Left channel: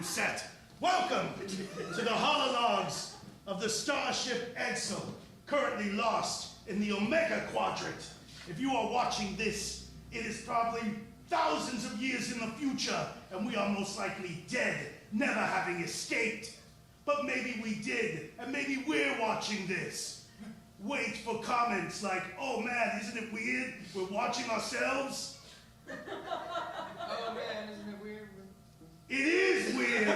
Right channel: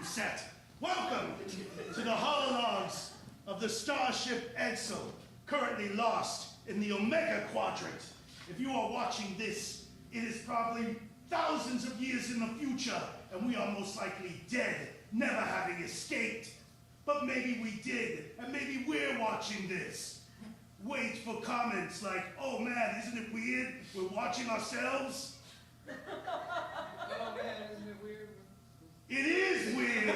been set. Welcome to the holologs of the Starship Edsel, currently lost in the Omega Quadrant. If you are watching this, it is probably thousands of years in the future, and we are most likely dead, never having escaped. But maybe we did, and maybe we're watching this. Wait for comments like, oh man, isn't it weird? We're watching ourselves. Oh man, isn't it weird? It is weird,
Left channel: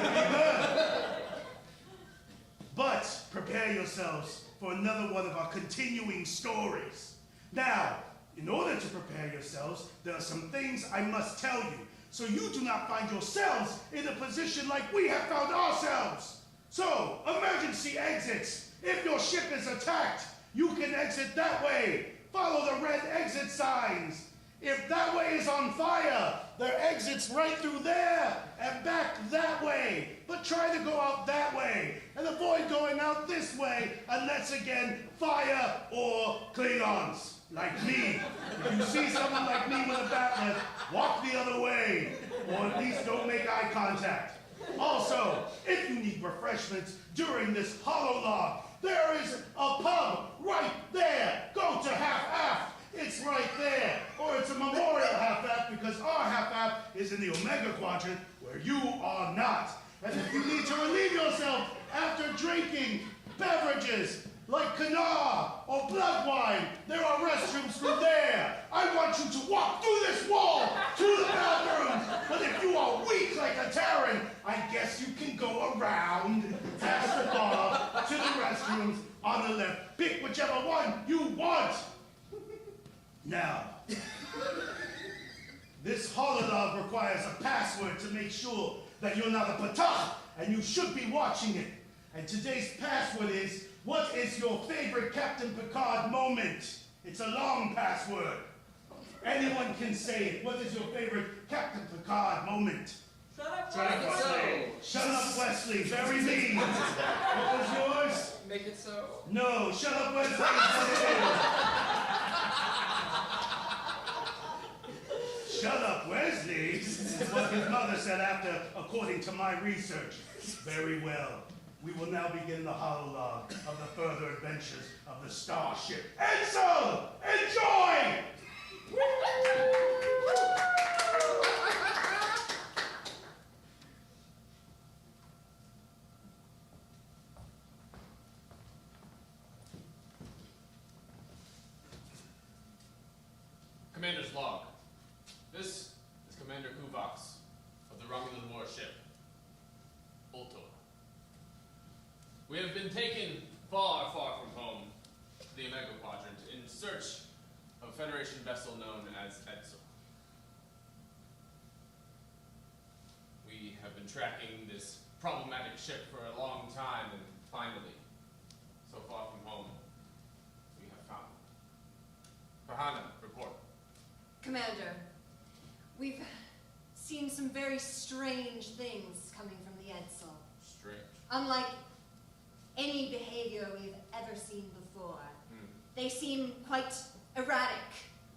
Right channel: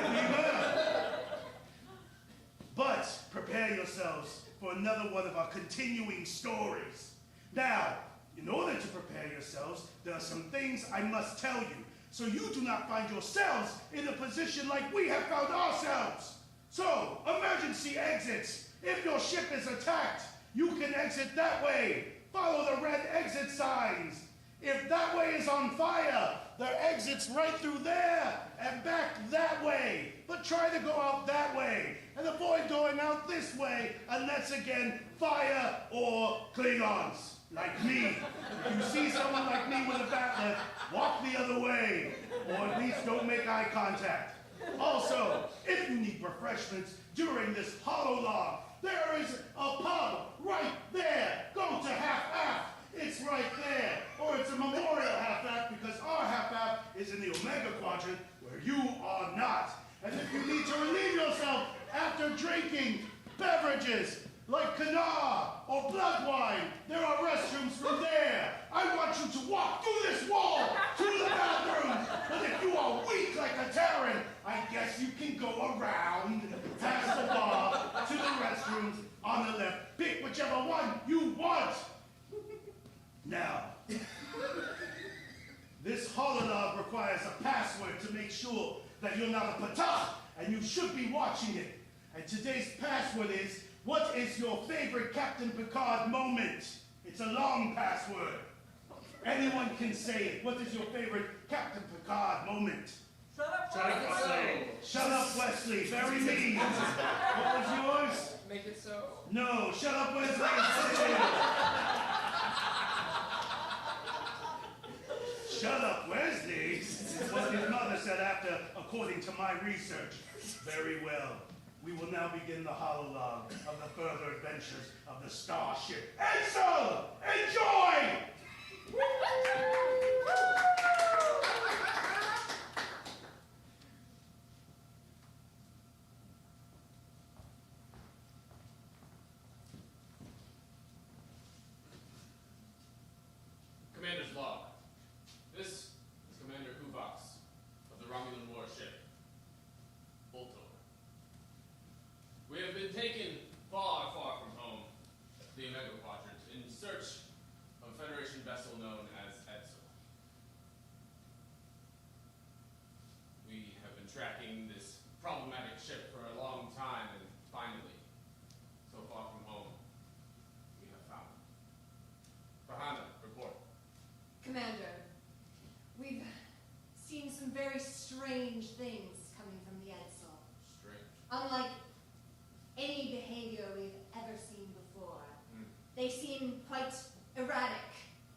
but prepare yourselves for another one of our continuing stories. Now, in order to prepare yourselves, there are some things I must tell you, so you do not find yourselves in a position like we have found ourselves. So, emergency exits. If your ship is attacked, you can exit that way. Follow the red exit signs. If that way is on fire, there are exits right through there and back that way. But try to go out that way and avoid going out this way unless, again, fire or Klingons, like me. If you see someone like me with a bat lift, walk the other way, or at least don't make eye contact. Also, if you need refreshments during this hololog, there is a pub right there. Go to half-half. It's right there. Or it's a memorial half-half because our half-half is in the Omega Quadrant where you are not. And if you need to relieve yourself after drinking beverages like Kawa or blood wine, there are restrooms through there. I want you to walk through this wall to the bathroom. But if you are weak like a Terran, I guess you can go around past the bar to the restrooms on the left. Pick whichever one you want. Now, this hololog requires a password to make sure that you're not a patah, and you should be watching it. And today's password is, what is your favorite Captain Picard moment? It's a long password. Anyone can say it. What is your favorite Captain Picard moment? Shut up, Wesley. Shut up, Wesley. Very mean. What was yours? Make it so. No, shut up, Wesley. Is what it is. Shut up, Wesley, is what his mother said after, according to my research. Very well. We will now begin the hololog of the further adventures of the Starship Edsel! Enjoy! Commander's log. This is Commander Kuvax of the Romulan warship Fulton. We have been taken far, far from home, the Omega Quadrant, in search of a Federation vessel known as Edsel. We have been tracking this problematic ship for a long time, and finally, so far from home, we have found it. Pahana, report. Commander, we've seen some very strange things coming from the Edsel. Strange. Unlike any behavior we've ever seen before. They seem quite erratic.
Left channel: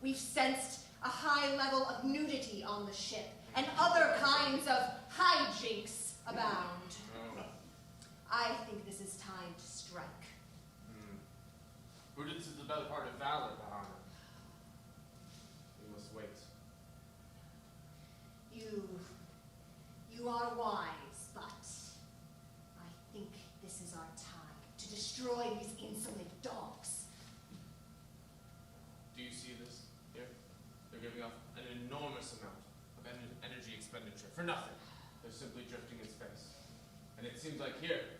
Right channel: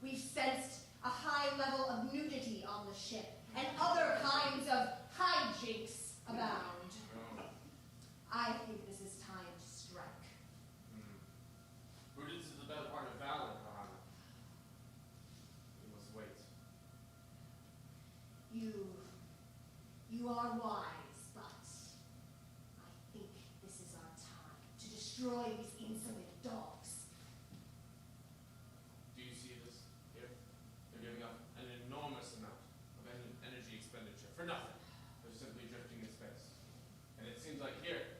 We've sensed a high level of nudity on the ship, and other kinds of hijinks abound. I think this is time to strike. Prudence is the better part of valor, Pahana. We must wait. You are wise, but I think this is our time to destroy these insolent dogs. Do you see this here? They're giving off an enormous amount of energy expenditure for nothing. They're simply drifting in space. And it seems like here,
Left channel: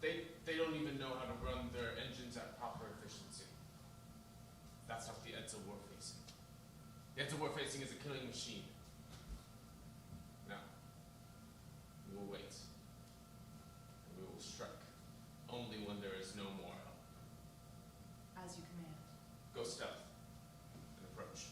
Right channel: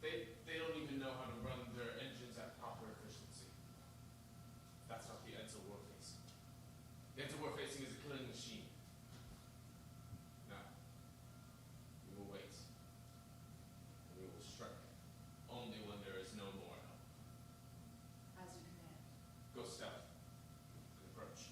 they don't even know how to run their engines at proper efficiency. That's not the Edsel we're facing. The Edsel we're facing is a killing machine. Now, we will wait. We will strike. Only when there is no more help. As you command. Go stealth and approach.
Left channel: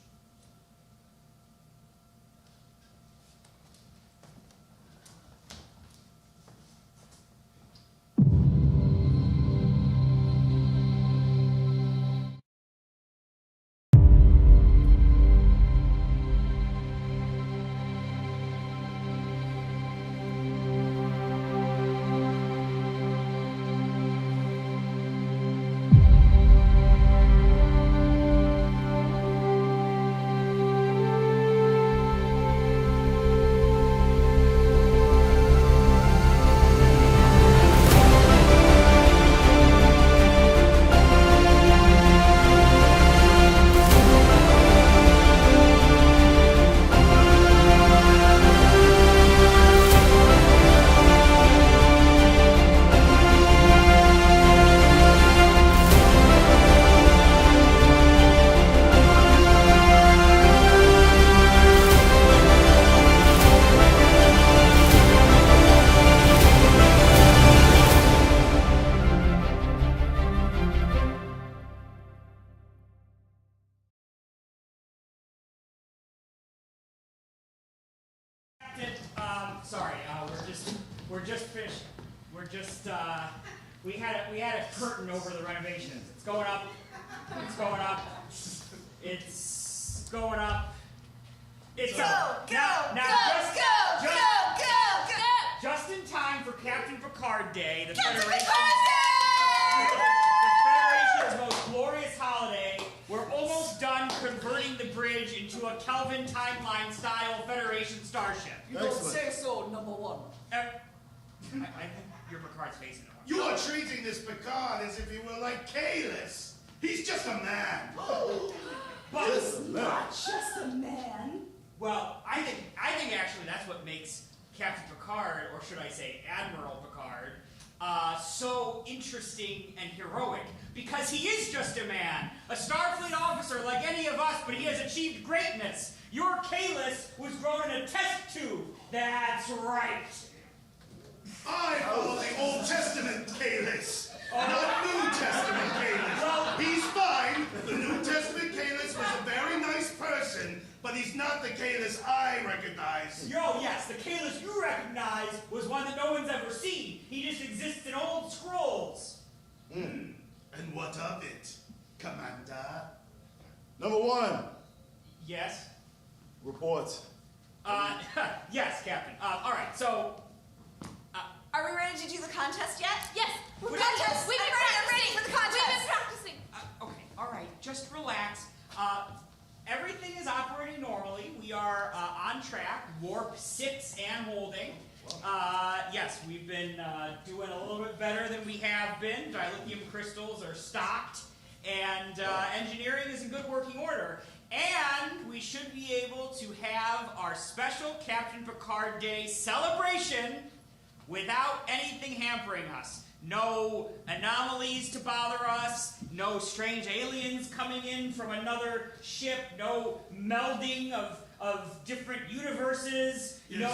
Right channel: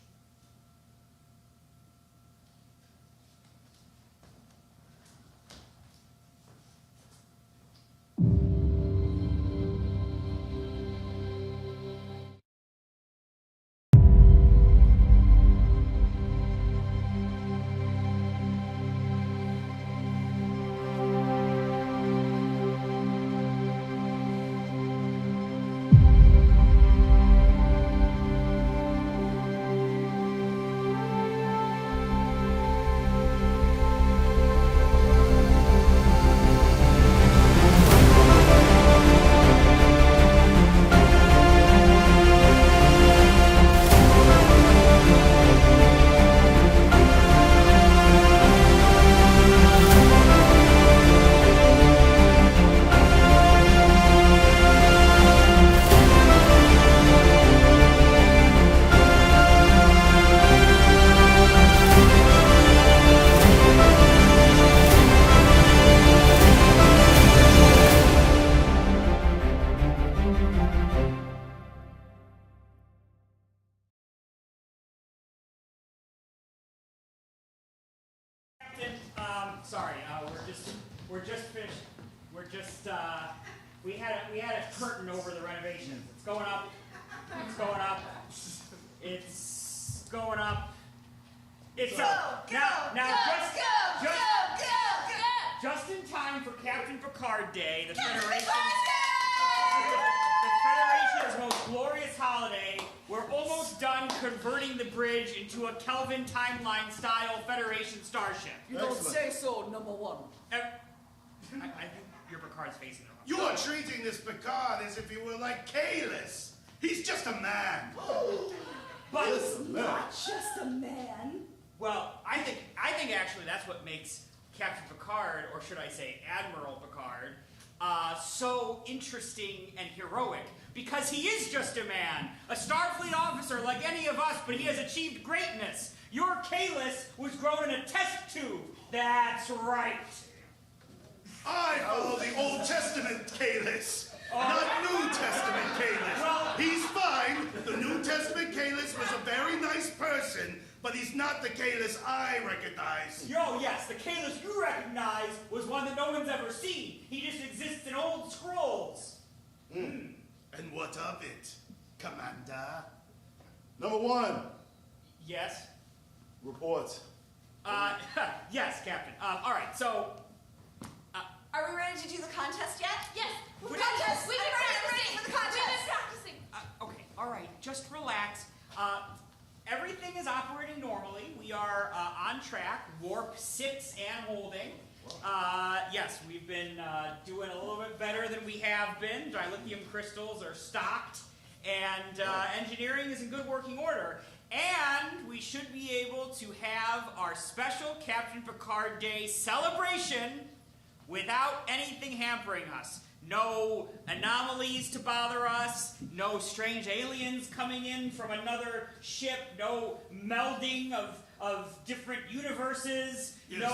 sorry. We're just finished. We had a curtain over the renovations. It's going up. It's going up. It's going up. It's up. Just in time for Captain Picard Day, the Federation's most glorious holiday. We're almost done converting the bridge into a Kelvin timeline-style Federation starship. You don't say so, number one. I think you're Picard's facing it. You are treating this Picard as if he were like Kalis. He's just a man. But He's not just a man. well, I think actually that's what makes Captain Picard, or should I say Admiral Picard, so interesting and heroic. Because he is just a man, a Starfleet officer like any of us, but he has achieved greatness. Your Kalis was grown in a test tube. That's right. I follow the Old Testament Kalis, not New Testament Kalis. He's fine. The New Testament Kalis was a very nice person, but he's not the Kalis I recognize. Yes, the Kalis you recognize was one that no one's ever seen. He just exists in old scrolls. And what of it, Commander? Number one, Yes? reports. Yes, Captain. All right, so... Are we ready to do the contest yet? Yes. We're Contest. We've been practicing for the contest. We've been practicing. Okay, all right, just relax. Everything is operating normally. We are on track, warp 6 and holding. Yes, we've been doing a little bit better than we have been. Dilithium crystals are stocked, and engineering is in good working order. And we should be able to have our special Captain Picard Day celebration without anything hampering us. No anomalies to bother us, no strange aliens coming in from another ship, no melding of different universes, Yes.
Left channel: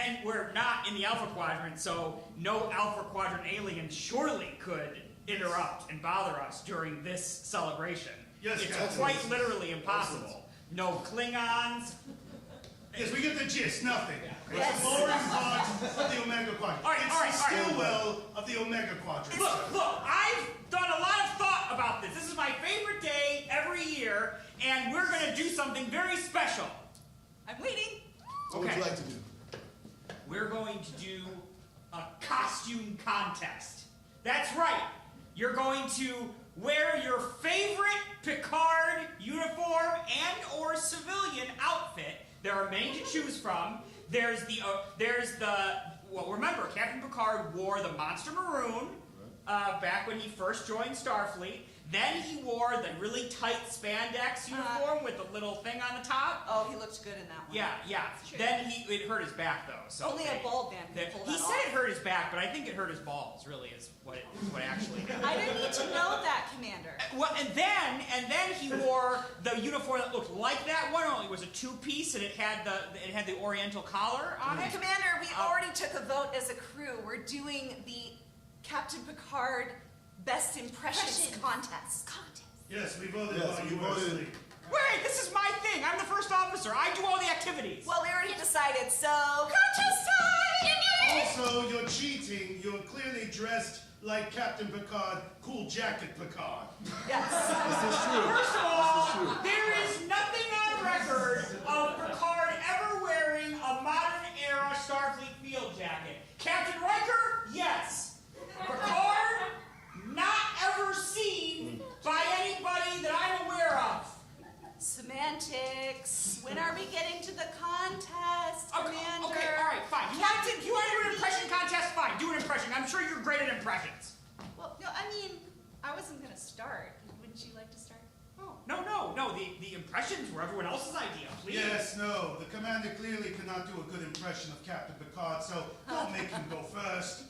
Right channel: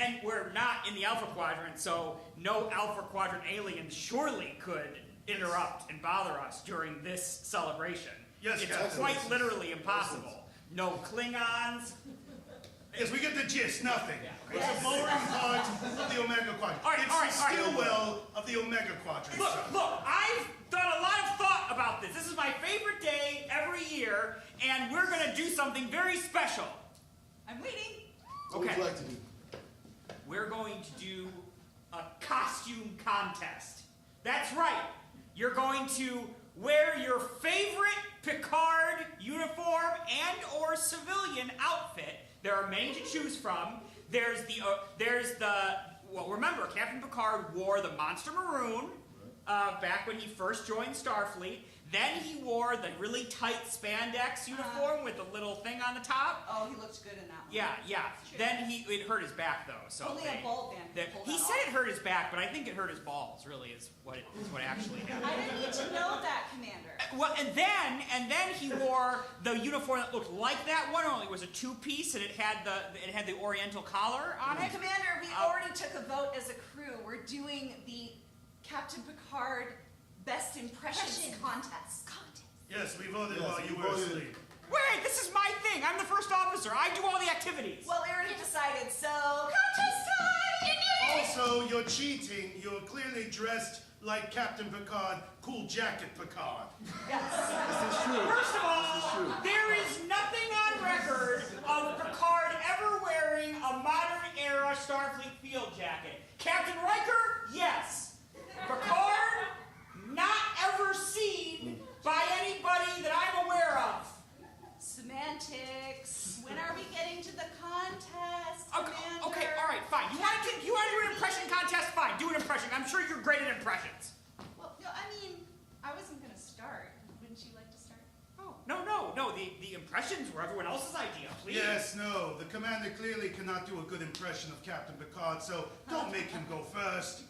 and we're not in the Alpha Quadrant, so no Alpha Quadrant aliens surely could interrupt and bother us during this celebration. Yes, it's Captain. quite literally impossible. No Klingons. Yes, we get the gist. Nothing. It's the boring part of the Omega Quadrant. All right, It's all right, the all right. Stillwell of the Omega Quadrant. Look, I've done a lot of thought about this. This is my favorite day every year, and we're going to do something very special. I'm waiting. What would you like to do? We're going to do a costume contest. That's right. You're going to wear your favorite Picard uniform and or civilian outfit. There are many to choose from. There's the well, remember, Captain Picard wore the Monster Maroon back when he first joined Starfleet. Then he wore the really tight spandex uniform with the little thing on the top. Oh, he looked good in that one. Yeah. Sure. Then it hurt his back though. So Only a bald man can pull he that said off. it hurt his back, but I think it hurt his balls. Really, is what actually happened. I didn't need to know that, Commander. Well, and then he wore the uniform that looked like that one. Only it was a two-piece, and it had the Oriental collar on it. Commander, we already took a vote as a crew. We're doing the Captain Picard Best Impressions contest. Yes, we voted Yes, while we you were voted. asleep. Wait, this is my thing. I'm the first officer. I do all the activities. Well, we already decided, so contest time! Also, you're cheating. You're clearly dressed like Captain Picard, cool jacket Picard. Yes. This is true. First of This all, is true. there is nothing on record of Picard ever wearing a modern-era Starfleet field jacket. Captain Riker, yes. Picard, not ever seen by anybody that I'm aware of. Semantics. When are we getting to the contest, Commander? Okay, all right, fine. You want to do an impression contest? Fine, do an impression. I'm sure you're great at impressions. Well, no, I mean, I wasn't going to start. Wouldn't you like to start? Oh, no. The impressions were everyone else's idea. Please. Yes, no. The commander clearly cannot do a good impression of Captain Picard, so don't make him go first.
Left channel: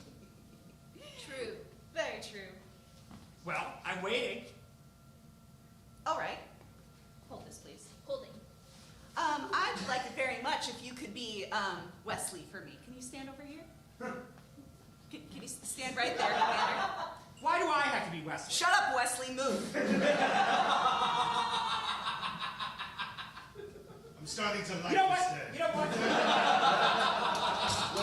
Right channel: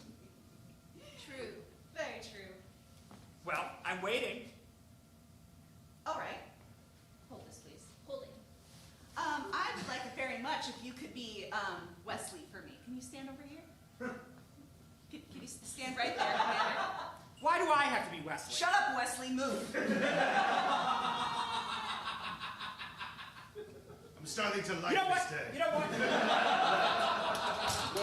True. Very true. Well, I'm waiting. All right. Hold this, please. Holding. I'd like it very much if you could be Wesley for me. Can you stand over here? Can you stand right there, Commander? Why do I have to be Wesley? Shut up, Wesley. Move. I'm starting to like You know this what? day. You know what?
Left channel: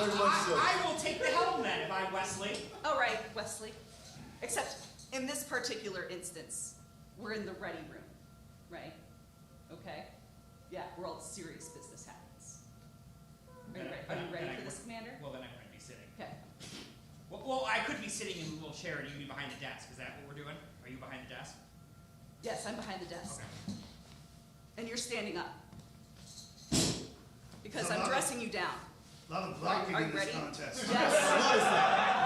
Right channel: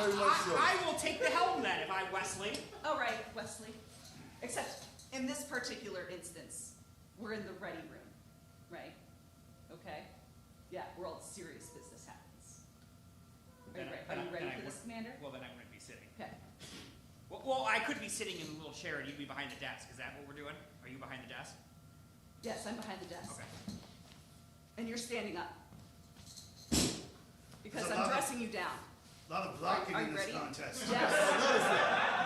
Very much so. I will take the helm then, if I'm Wesley. All right, Wesley. Except in this particular instance, we're in the ready room, right? Okay? Yeah, where all the serious business happens. Are you ready for this, Commander? Well, then I wouldn't be sitting. Okay. Well, I could be sitting in the little chair and you'd be behind the desk. Is that what we're doing? Are you behind the desk? Yes, I'm behind the desk. Okay. And you're standing up. Because There's a I'm lot of- dressing you down. A lot of blocking Are you in this ready? contest. Yes.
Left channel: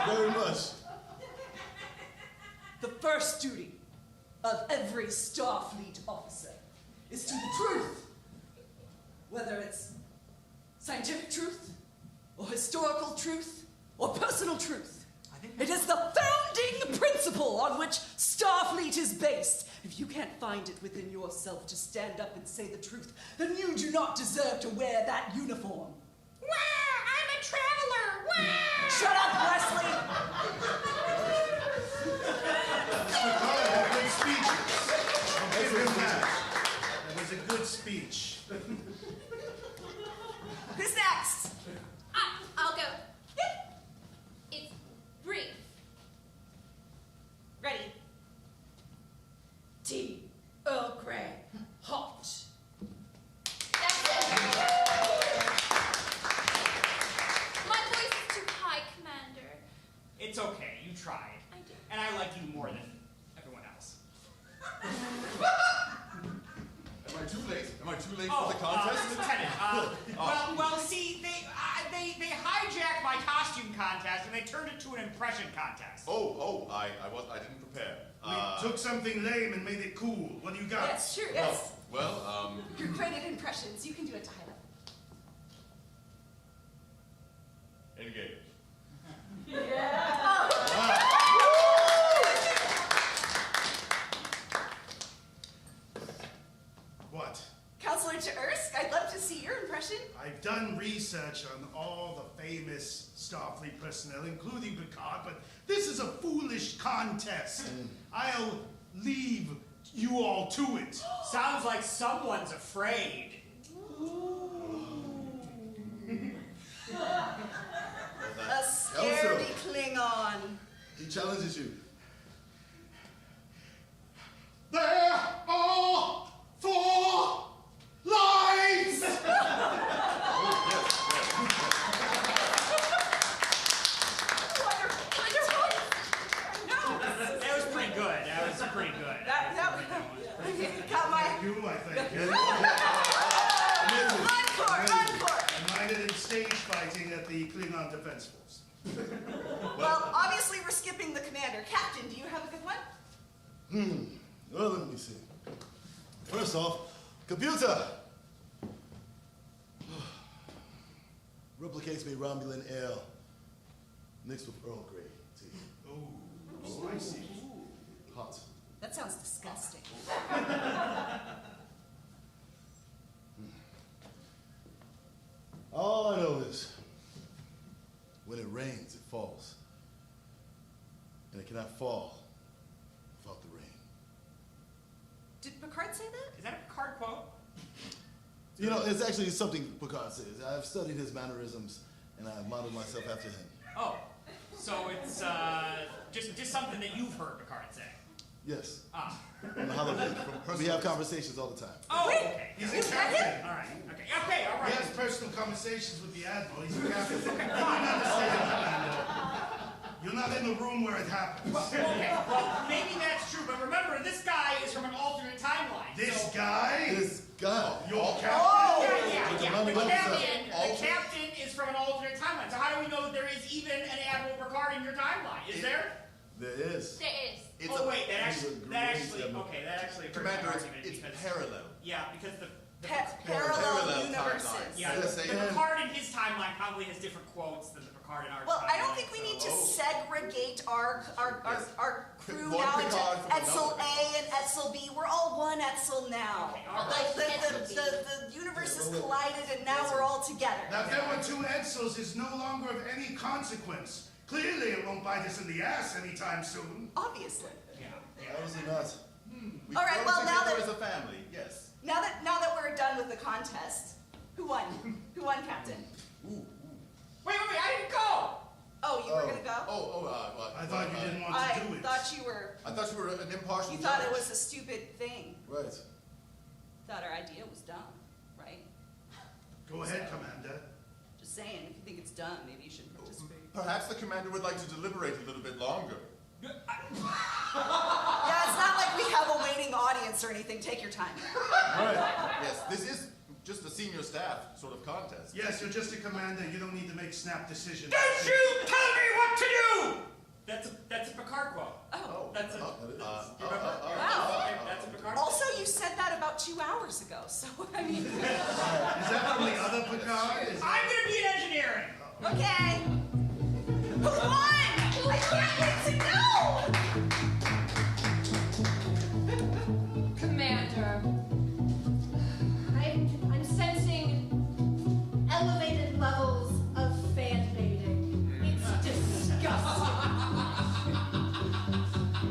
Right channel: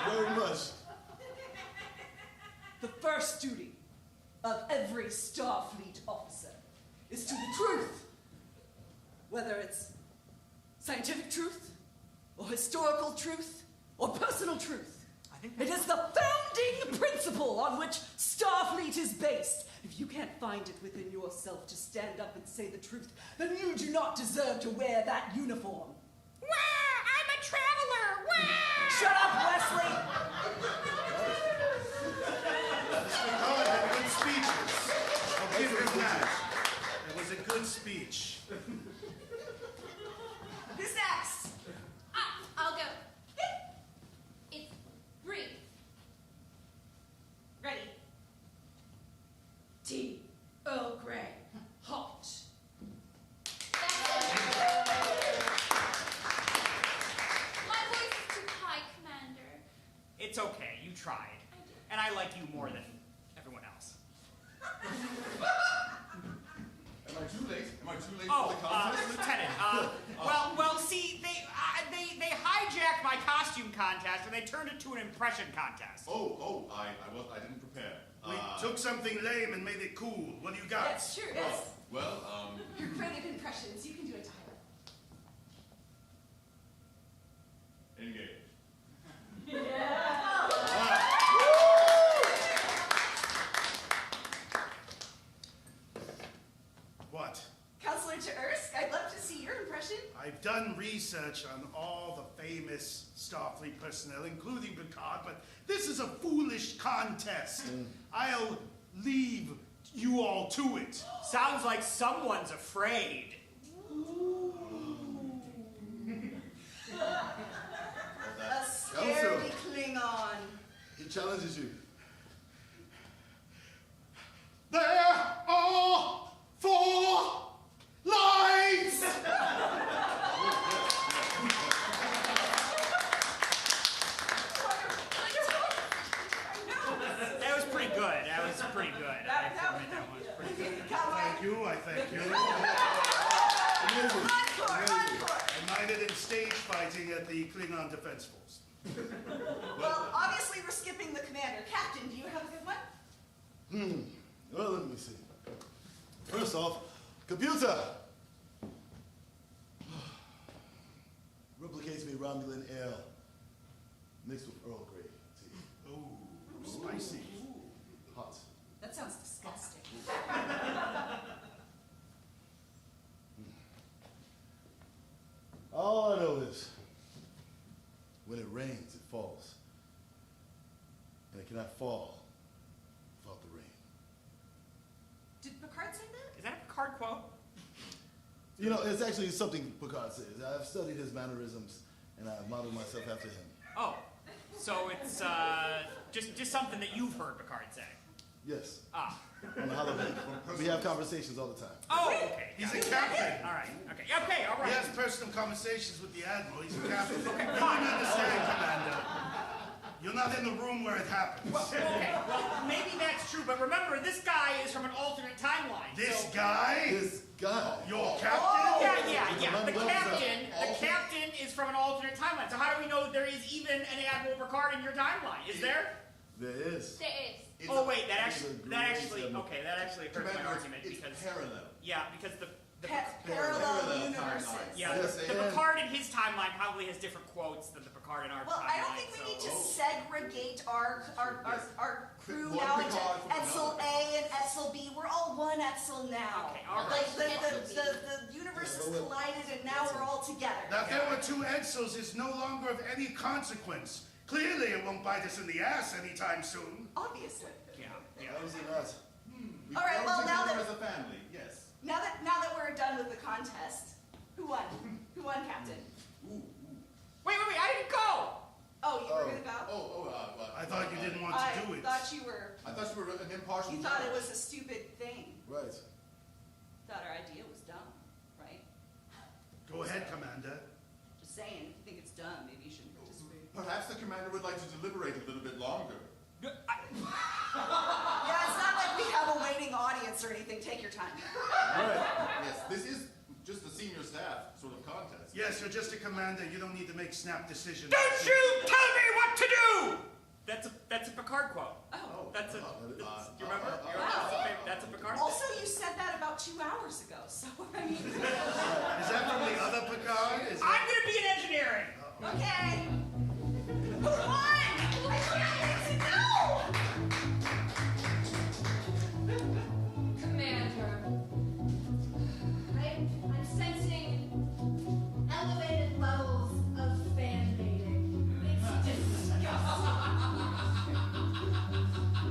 Very much. The first duty of every Starfleet officer is to the truth. Whether it's scientific truth, or historical truth, or personal truth. It is the founding principle on which Starfleet is based. If you can't find it within yourself to stand up and say the truth, then you do not deserve to wear that uniform. Wah! I'm a traveler! Wah! Shut up, Wesley! Mr. Picard had good speeches. I'll give him that. That was a good speech. Who's next? I'll go. It's brief. Ready. Tea, Earl Grey, hot. My voice is too high, Commander. It's okay. You tried. I did. And I like you more than everyone else. Am I too late? Am I too late for the contest? Lieutenant. Well, see, they hijacked my costume contest and they turned it to an impression contest. I didn't prepare. We took something lame and made it cool. What do you got? Yes, sure, yes. Well, Your credit impressions, you can do it to highlight. engage. What? Counselor to Ersk, I'd love to see your impression. I've done research on all the famous Starfleet personnel, including Picard, but this is a foolish contest. I'll leave you all to it. Sounds like someone's afraid. A scaredy Klingon. He challenges you. There are 4 lines! That was pretty good. Kawa. Thank you, I thank you. Amazing. Run for it. I minded in stage fighting at the Klingon Defense Force. Well, obviously we're skipping the commander. Captain, do you have a good one? Well, let me see. First off, computer. Replicates me Romulan ale mixed with Earl Grey tea. Ooh, spicy. Hot. That sounds disgusting. All I know is when it rains, it falls. And it cannot fall without the rain. Did Picard say that? Is that a Picard quote? You know, it's actually something Picard says. I've studied his mannerisms and I've modeled myself after him. Oh, so it's just something that you've heard Picard say. Yes. Ah. On the holiday. We have conversations all the time. Oh, okay. He's a captain. All right. Okay, all He right. has personal conversations with the Admiral. He's a captain. You don't understand, Commander. You're not in the room where it happens. Okay, well, maybe that's true, but remember, this guy is from an alternate timeline. This so... guy? This guy. Your captain? Yeah. The captain is from an alternate timeline. So how do we know that there is even an Admiral Picard in your timeline? Is there? There is. There is. That actually hurts my Commander, argument it's because parallel. Yeah, because the Parallel universes. timelines. yeah, Yes, the they are. Picard in his timeline probably has different quotes than the Picard in our Well, timeline. I don't think we need to segregate our crew One now into Picard from Edsel another. A and Edsel B. We're all one Edsel now. Okay, all right. The universes collided and now we're all together. Now, if there were 2 Edsels, it's no longer of any consequence. Clearly, it won't bite us in the ass anytime soon. Obviously. Yeah. Obviously not. We All right, grow well, now together that- as a family, yes. Now that we're done with the contest, who won? Who won, Captain? Wait, I didn't go! Oh, you were gonna go? I thought you didn't want to do it. I thought you were... I thought you were an impartial You thought it judge. was a stupid thing. Right. Thought our idea was dumb, right? Go ahead, Commander. Just saying, if you think it's dumb, maybe you shouldn't participate. Perhaps the commander would like to deliberate a little bit longer. Yeah, it's not like we have a waiting audience or anything. Take your time. Right. Yes, this is just a senior staff sort of contest. Yes, you're just a commander. You don't need to make snap decisions. Don't you tell me what to do! That's a Picard quote. Oh. That's a... you remember? Wow. That's a Picard quote. Also, you said that about 2 hours ago, so I mean... Is that from the other Picard? Is I'm gonna be in engineering! Okay. Who won? I can't wait to know! Commander, I'm sensing elevated levels of fan baiting. It's disgusting.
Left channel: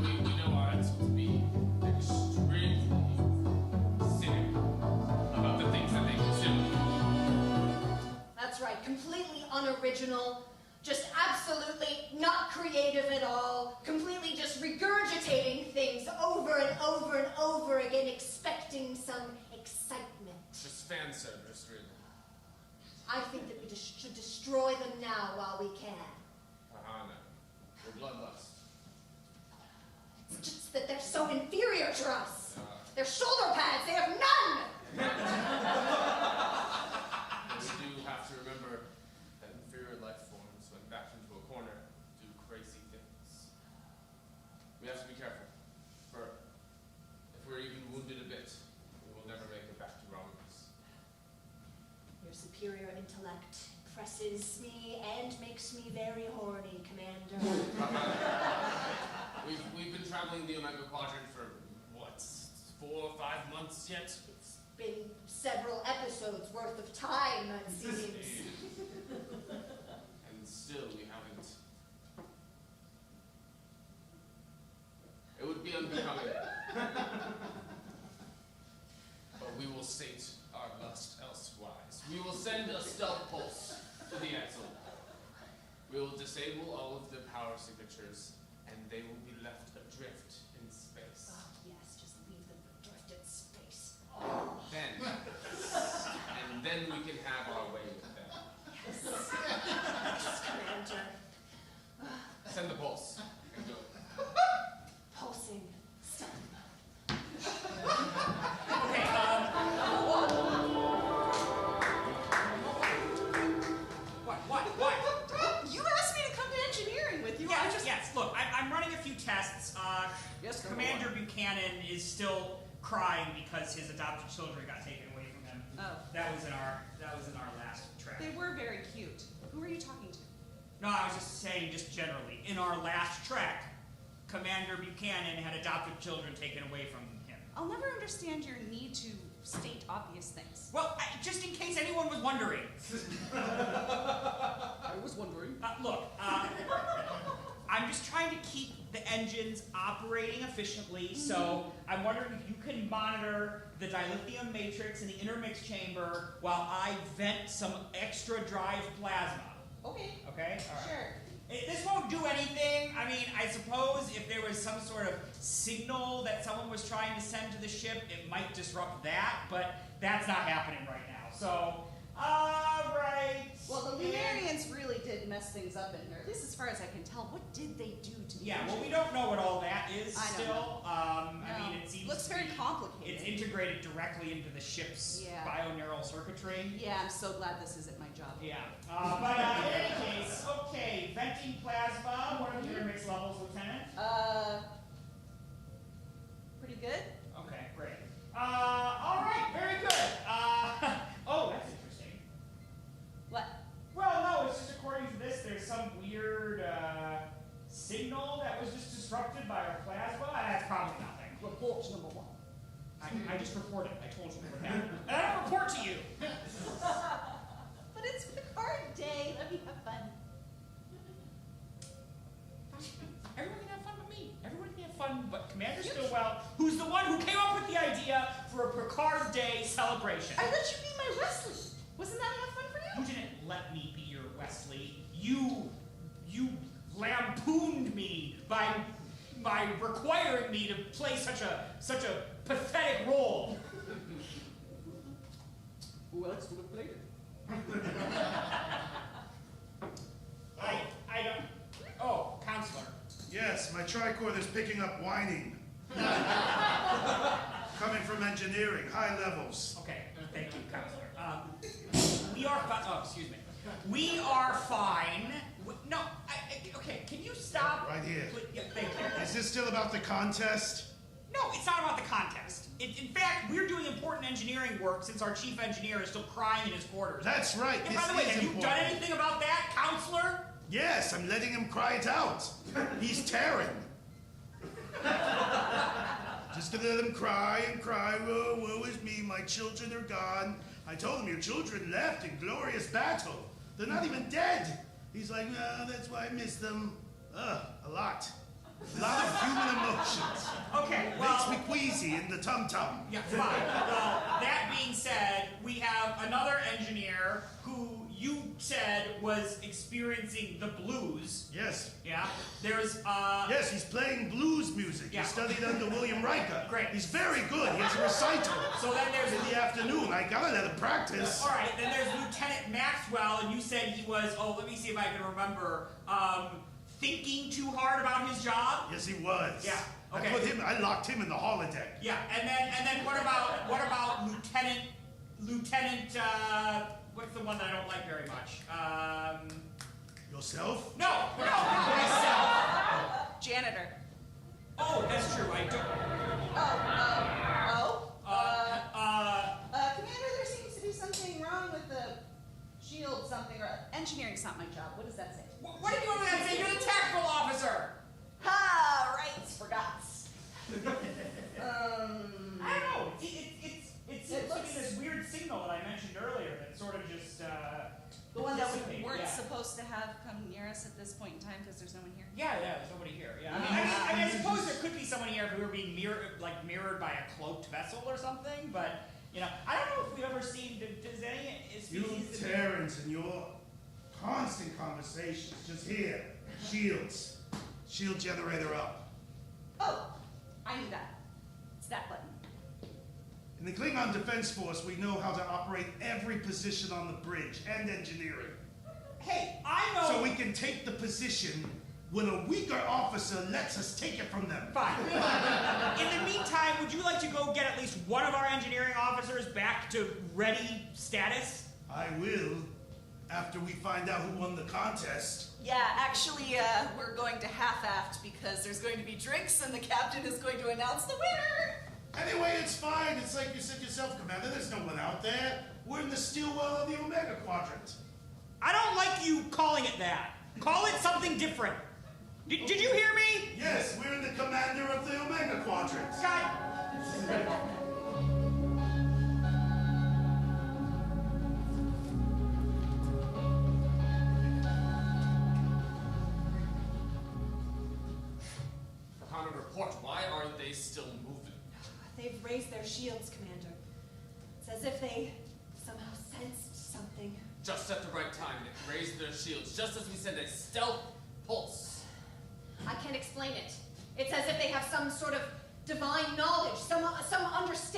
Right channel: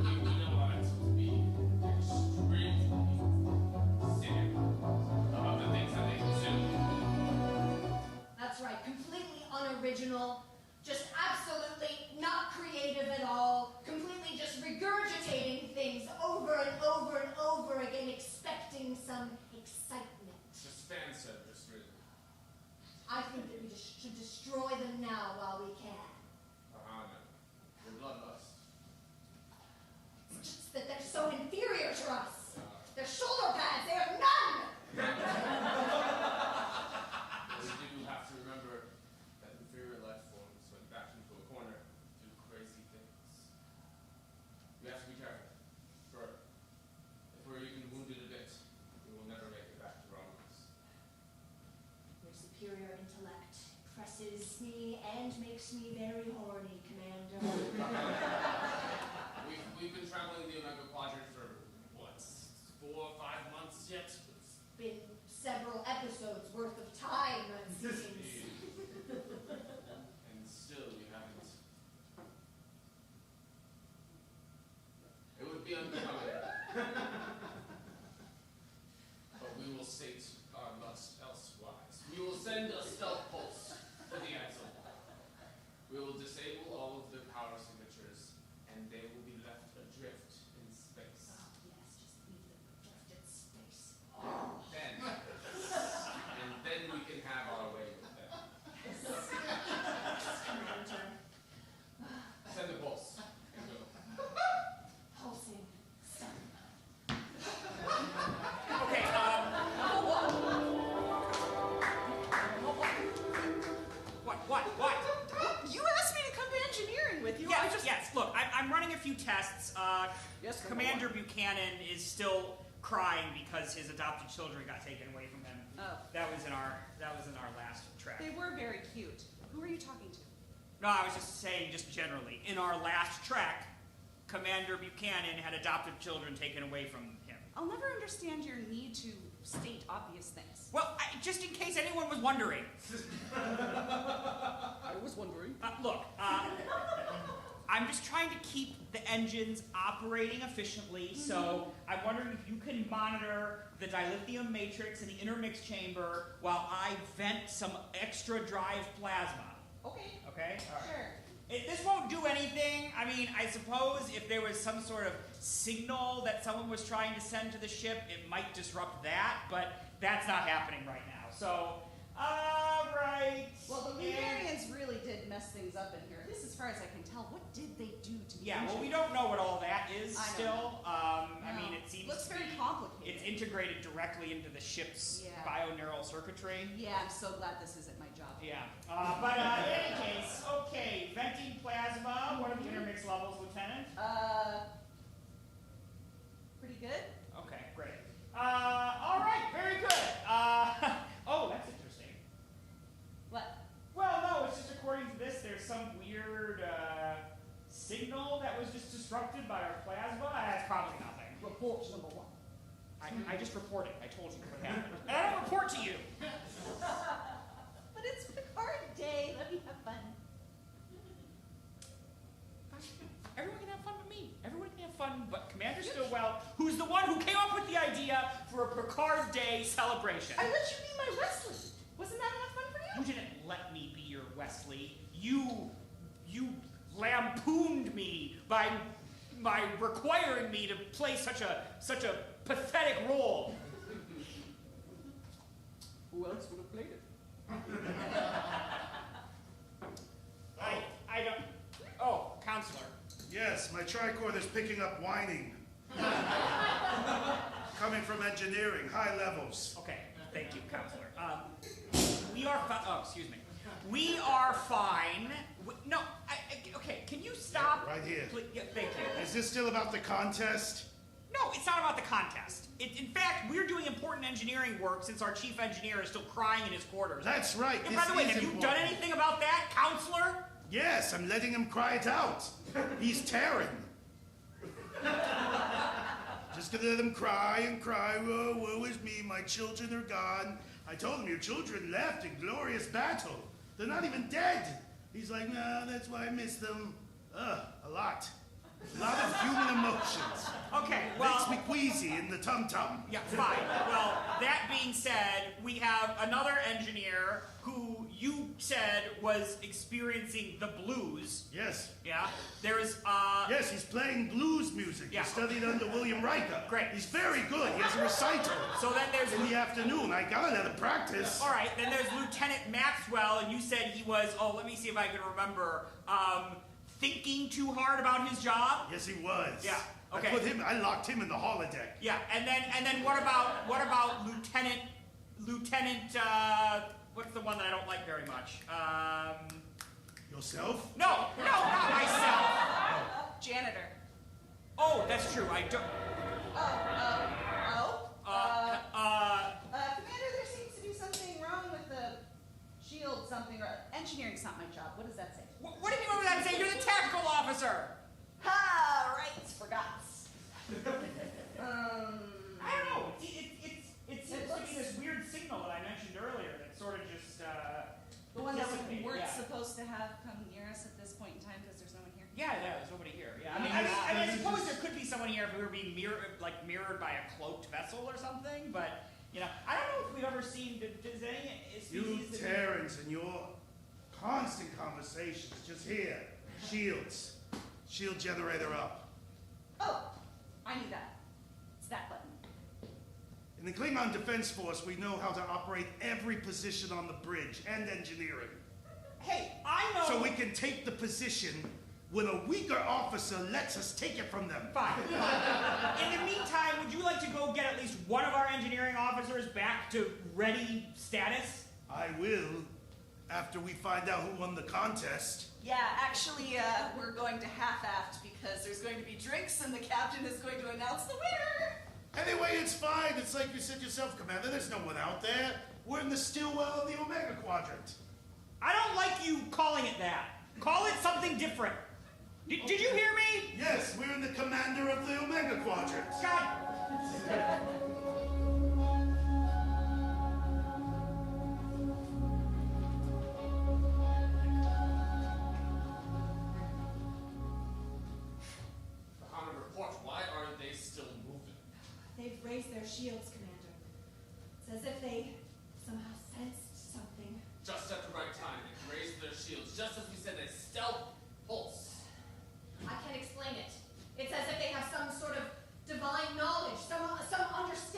We know our Edsel to be extremely cynical about the things that they consume. That's right, completely unoriginal, just absolutely not creative at all, completely just regurgitating things over and over and over again, expecting some excitement. Just fan service, really. I think that we just should destroy them now while we can. No. We're bloodlust. It's just that they're so inferior to us. Their shoulder pads, they have none! We do have to remember that inferior life forms, when backed into a corner, do crazy things. We have to be careful. For if we're even wounded a bit, we will never make it back to Romulans. Your superior intellect impresses me and makes me very horny, Commander. We've been traveling the Omega Quadrant for, what, 4 or 5 months yet? It's been several episodes worth of time, it seems. And still we haven't. It would be unbecoming. But we will sate our lust elsewise. We will send a stealth pulse to the Edsel. We will disable all of the power signatures, and they will be left adrift in space. Oh, yes, just leave them adrift in space. Then we can have our way with them. Yes. Yes, Commander. Send the pulse and go. Pulsing. Stun. Okay, What? You asked me to come to engineering with you. Yes, look, I'm running a few tests. Yes, Commander Buchanan is still crying because his adopted children got taken away from him. Oh. That was in our last track. They were very cute. Who are you talking to? No, I was just saying, just generally, in our last track, Commander Buchanan had adopted children taken away from him. I'll never understand your need to state obvious things. Well, just in case anyone was wondering. I was wondering. Look, I'm just trying to keep the engines operating efficiently, so I'm wondering if you can monitor the dilithium matrix in the intermix chamber while I vent some extra drive plasma. Okay. Okay? All right. Sure. This won't do anything. I mean, I suppose if there was some sort of signal that someone was trying to send to the ship, it might disrupt that, but that's not happening right now. So, alright. Well, the Lunarians really did mess things up in here. At least as far as I can tell. What did they do to the Yeah, well, we engine? don't know what all that is I know. still. I No. mean, it seems Looks to very be- complicated. It's integrated directly into the ship's Yeah. bioneural circuitry. Yeah, I'm so glad this isn't my job. Yeah. But in any case, okay, venting plasma. What are the intermix levels, Lieutenant? Pretty good. Okay, great. All right, very good. Oh, that's interesting. What? Well, no, it's just according to this, there's some weird signal that was just disrupted by our plasma. That's probably nothing. Report number 1. I just reported. I told you what happened. And I don't report to you. But it's Picard Day. Let me have fun. Everyone can have fun with me. Everyone can have fun, but Commander Stillwell, who's the one who came up with the idea for a Picard Day celebration. I let you be my Wesley. Wasn't that enough fun for you? You didn't let me be your Wesley. by requiring me to play such a pathetic role. Who else would have played it? I don't. Oh, counselor. Yes, my tricorder's picking up whining. Coming from engineering, high levels. Okay, thank you, counselor. We are fine. Oh, excuse me. We are fine. No, okay, can you stop? Right here. Please, yeah, thank you. Is this still about the contest? No, it's not about the contest. In fact, we're doing important engineering work since our chief engineer is still crying in his quarters. That's right. And by the way, have you done anything about that, counselor? Yes, I'm letting him cry it out. He's tearing. Just to let him cry and cry. Oh, woe is me, my children are gone. I told him your children left in glorious battle. They're not even dead. He's like, nah, that's why I miss them. A lot. A lot of human emotions. Okay, well... Makes me queasy in the tum-tum. Yeah, fine. Well, that being said, we have another engineer who you said was experiencing the blues. Yes. Yeah? There's, Yes, he's playing blues music. Yeah. He studied under William Riker. Great. He's very good. He has a recital. So then there's... In the afternoon. I gotta let him practice. All right, then there's Lieutenant Maxwell, and you said he was, let me see if I can remember, thinking too hard about his job? Yes, he was. Yeah. Okay. I locked him in the holodeck. Yeah, and then what about Lieutenant, what's the one that I don't like very much? Yourself? No, not myself. Janitor. Oh, that's true, I don't. Commander, there seems to be something wrong with the shield something, or engineering's not my job. What does that say? What do you want to say? You're the tactical officer. Ha, right, forgot. I don't know. It seems to be this weird signal that I mentioned earlier that sort of just, the one that we dissipated, weren't yeah. supposed to have come near us at this point in time because there's no one here. Yeah, there's nobody here. Yeah, I mean, I suppose there could be someone here if we were being mirrored by a cloaked vessel or something. But I don't know if we've ever seen. Does any You species? Terrans and your constant conversations. Just here. Shields. Shield generator up. Oh, I knew that. It's that button. In the Klingon Defense Force, we know how to operate every position on the bridge and engineering. Hey, I know. So we can take the position when a weaker officer lets us take it from them. Fine. In the meantime, would you like to go get at least one of our engineering officers back to ready status? I will, after we find out who won the contest. Yeah, actually, we're going to half-aft because there's going to be drinks and the captain is going to announce the winner. Anyway, it's fine. It's like you said yourself, Commander. There's no one out there. We're in the still well of the Omega Quadrant. I don't like you calling it that. Call it something different. Did you hear me? Yes, we're in the commander of the Omega Quadrant. God. Common report. Why aren't they still moving? They've raised their shields, Commander. It's as if they somehow sensed something. Just at the right time, they raised their shields, just as we sent a stealth pulse. I can't explain it. It's as if they have some sort of divine knowledge, some understanding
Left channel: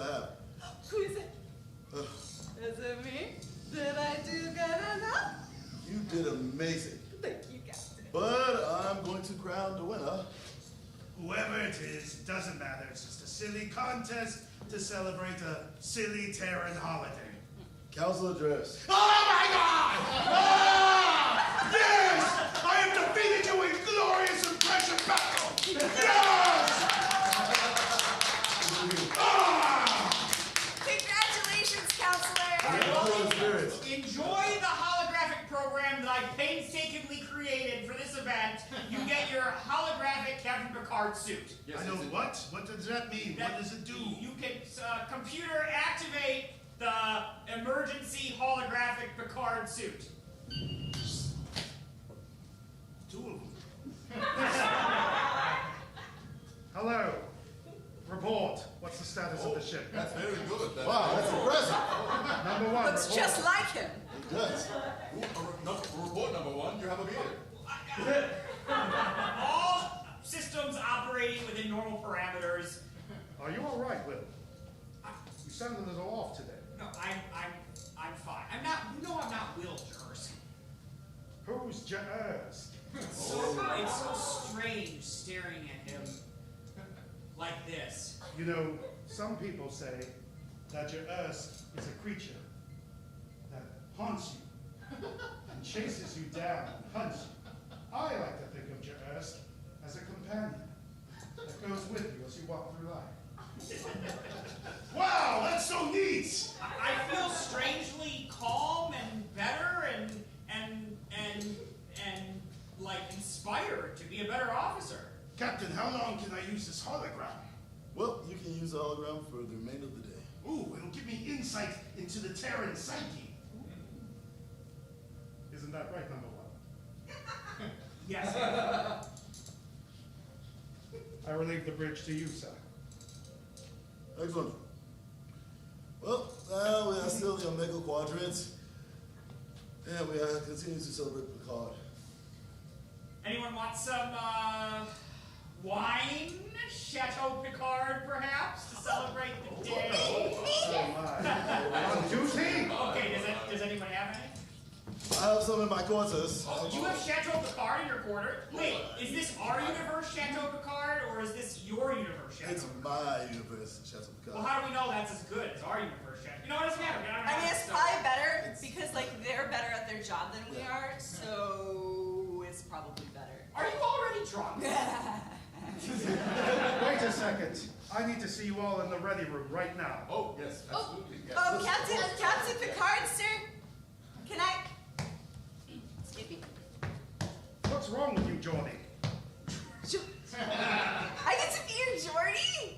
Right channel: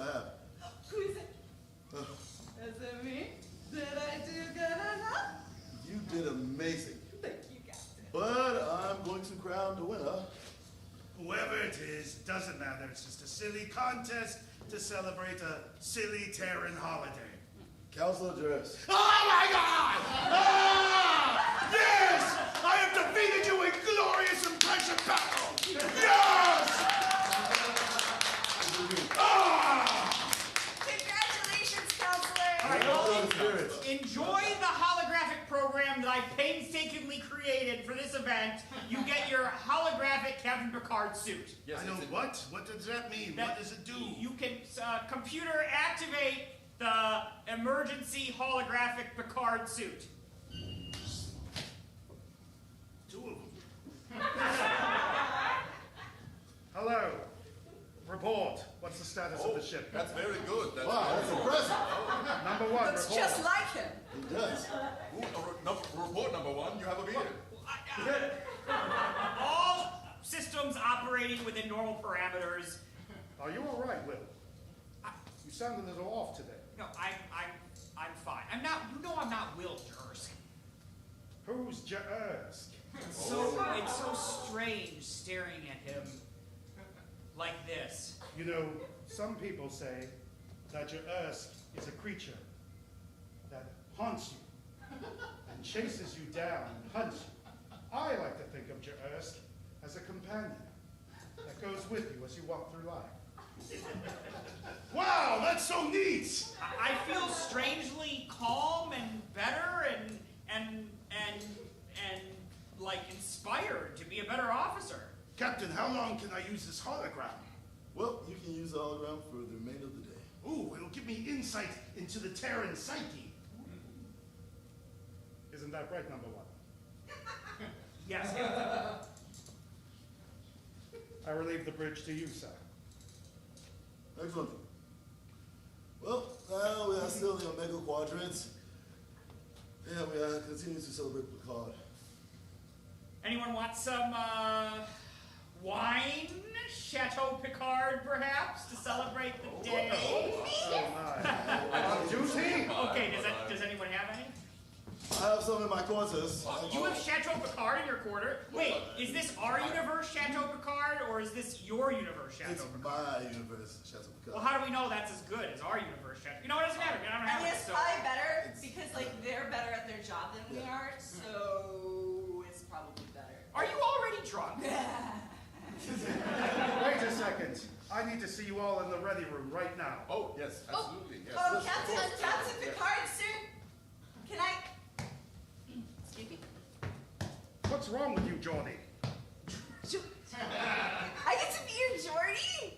I have. Who is it? Is it me? Did I do good enough? You did amazing. Thank you, Captain. But I'm going to crown the winner. Whoever it is, doesn't matter. It's just a silly contest to celebrate a silly Terran holiday. Council address. Oh my God! Ah! Yes! I have defeated you in glorious impressive battle! Yes! Ah! Congratulations, Counselor! Enjoy the holographic program that I painstakingly created for this event. You get your holographic Captain Picard suit. Yes, I know what? What does that mean? What does it do? You can computer activate the emergency holographic Picard suit. Two of them. Hello. Report. What's the status of the ship? That's very good. Wow, that's impressive. Number one, Looks report. just like him. It does. Report number one, you have a beard. All systems operating within normal parameters. Are you all right, Will? You sound a little off today. No, I'm fine. I'm not Will Jurst. Who's Jaersk? It's so strange staring at him like this. You know, some people say that Jaersk is a creature that haunts you and chases you down and hunts you. I like to think of Jaersk as a companion that goes with you as you walk through life. Wow, that's so neat! I feel strangely calm and better and like inspired to be a better officer. Captain, how long can I use this hologram? Well, you can use the hologram for the remainder of the day. Ooh, it'll give me insight into the Terran psyche. Isn't that right, number one? Yes. I relieve the bridge to you, sir. Excellent. Well, now we are still in the Omega Quadrant. And we are continuing to celebrate Picard. Anyone want some wine? Chateau Picard, perhaps, to celebrate the day? Oh my. On duty? Okay, does anyone have any? I have some in my quarters. Oh, you have Chateau Picard in your quarter? Wait, is this our universe, Chateau Picard, or is this your universe, Chateau It's Picard? my universe, Chateau Picard. Well, how do we know that's as good as our universe, Chateau? You know what, it doesn't matter. I don't I have mean, it, it's so- probably better because, like, they're better at their job than we are, so it's probably better. Are you already drunk? Wait a second. I need to see you all in the ready room right now. Oh, yes, absolutely. Yes. Oh, Captain Picard, sir. Can I? Excuse me. What's wrong with you, Geordie? I get to be your Geordie?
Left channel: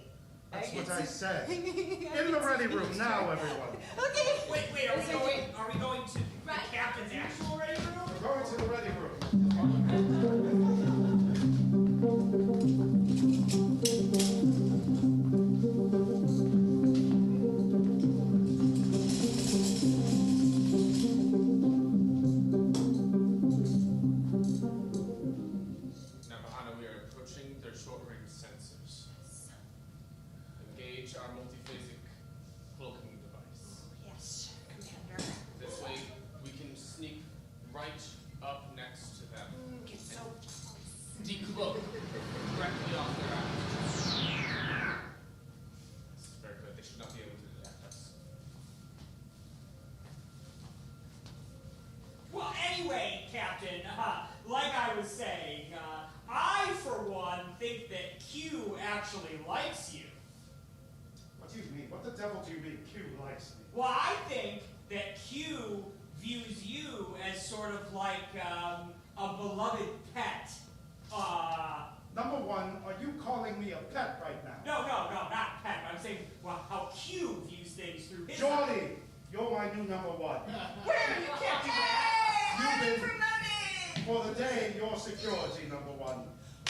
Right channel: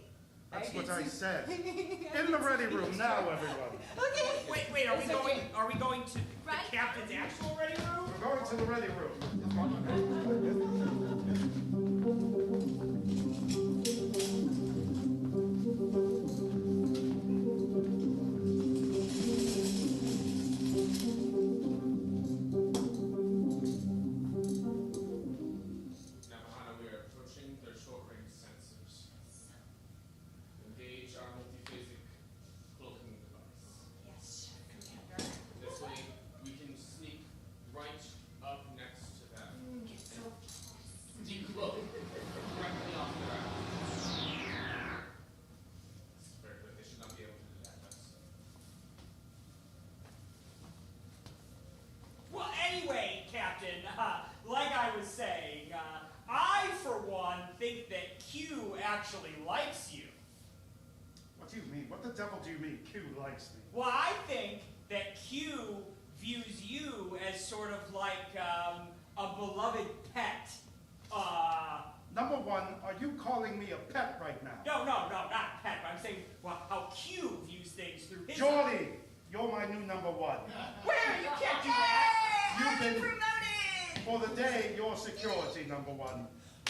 That's what I said. In the ready room now, everyone. Okay. Wait, are we going to the captain's actual ready room? We're going to the ready room. Now, we are approaching their short-range sensors. Engage our multiphasic cloaking device. Yes, Commander. This way, we can sneak right up next to them Get so and decloak directly off their eyes. This is very good. They should not be able to detect us. Well, anyway, Captain, like I was saying, I, for one, think that Q actually likes you. What do you mean? What the devil do you mean Q likes me? Well, I think that Q views you as sort of like a beloved pet. Number one, are you calling me a pet right now? No, not pet. But I'm saying, well, how Q views things through his. Geordie, you're my new number one. Where? You can't do that. You've I'm been, promoted. for the day, you're security number one.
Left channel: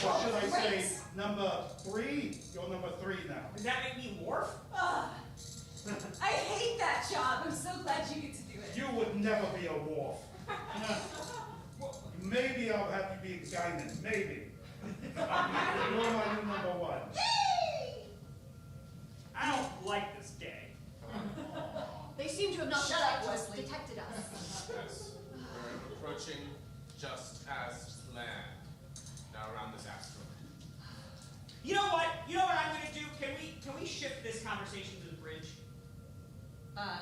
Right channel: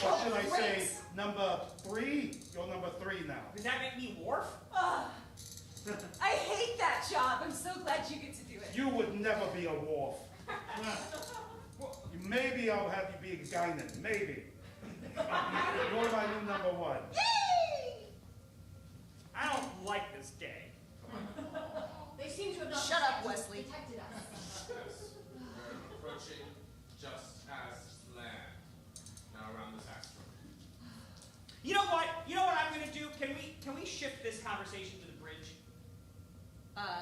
Or should I say, number three? You're number three now. Does that make me Worf? Ugh. I hate that job. I'm so glad you get to do it. You would never be a Worf. Maybe I'll have you be a Guinan. Maybe. You're my new number one. Yay! I don't like this day. this conversation to the bridge?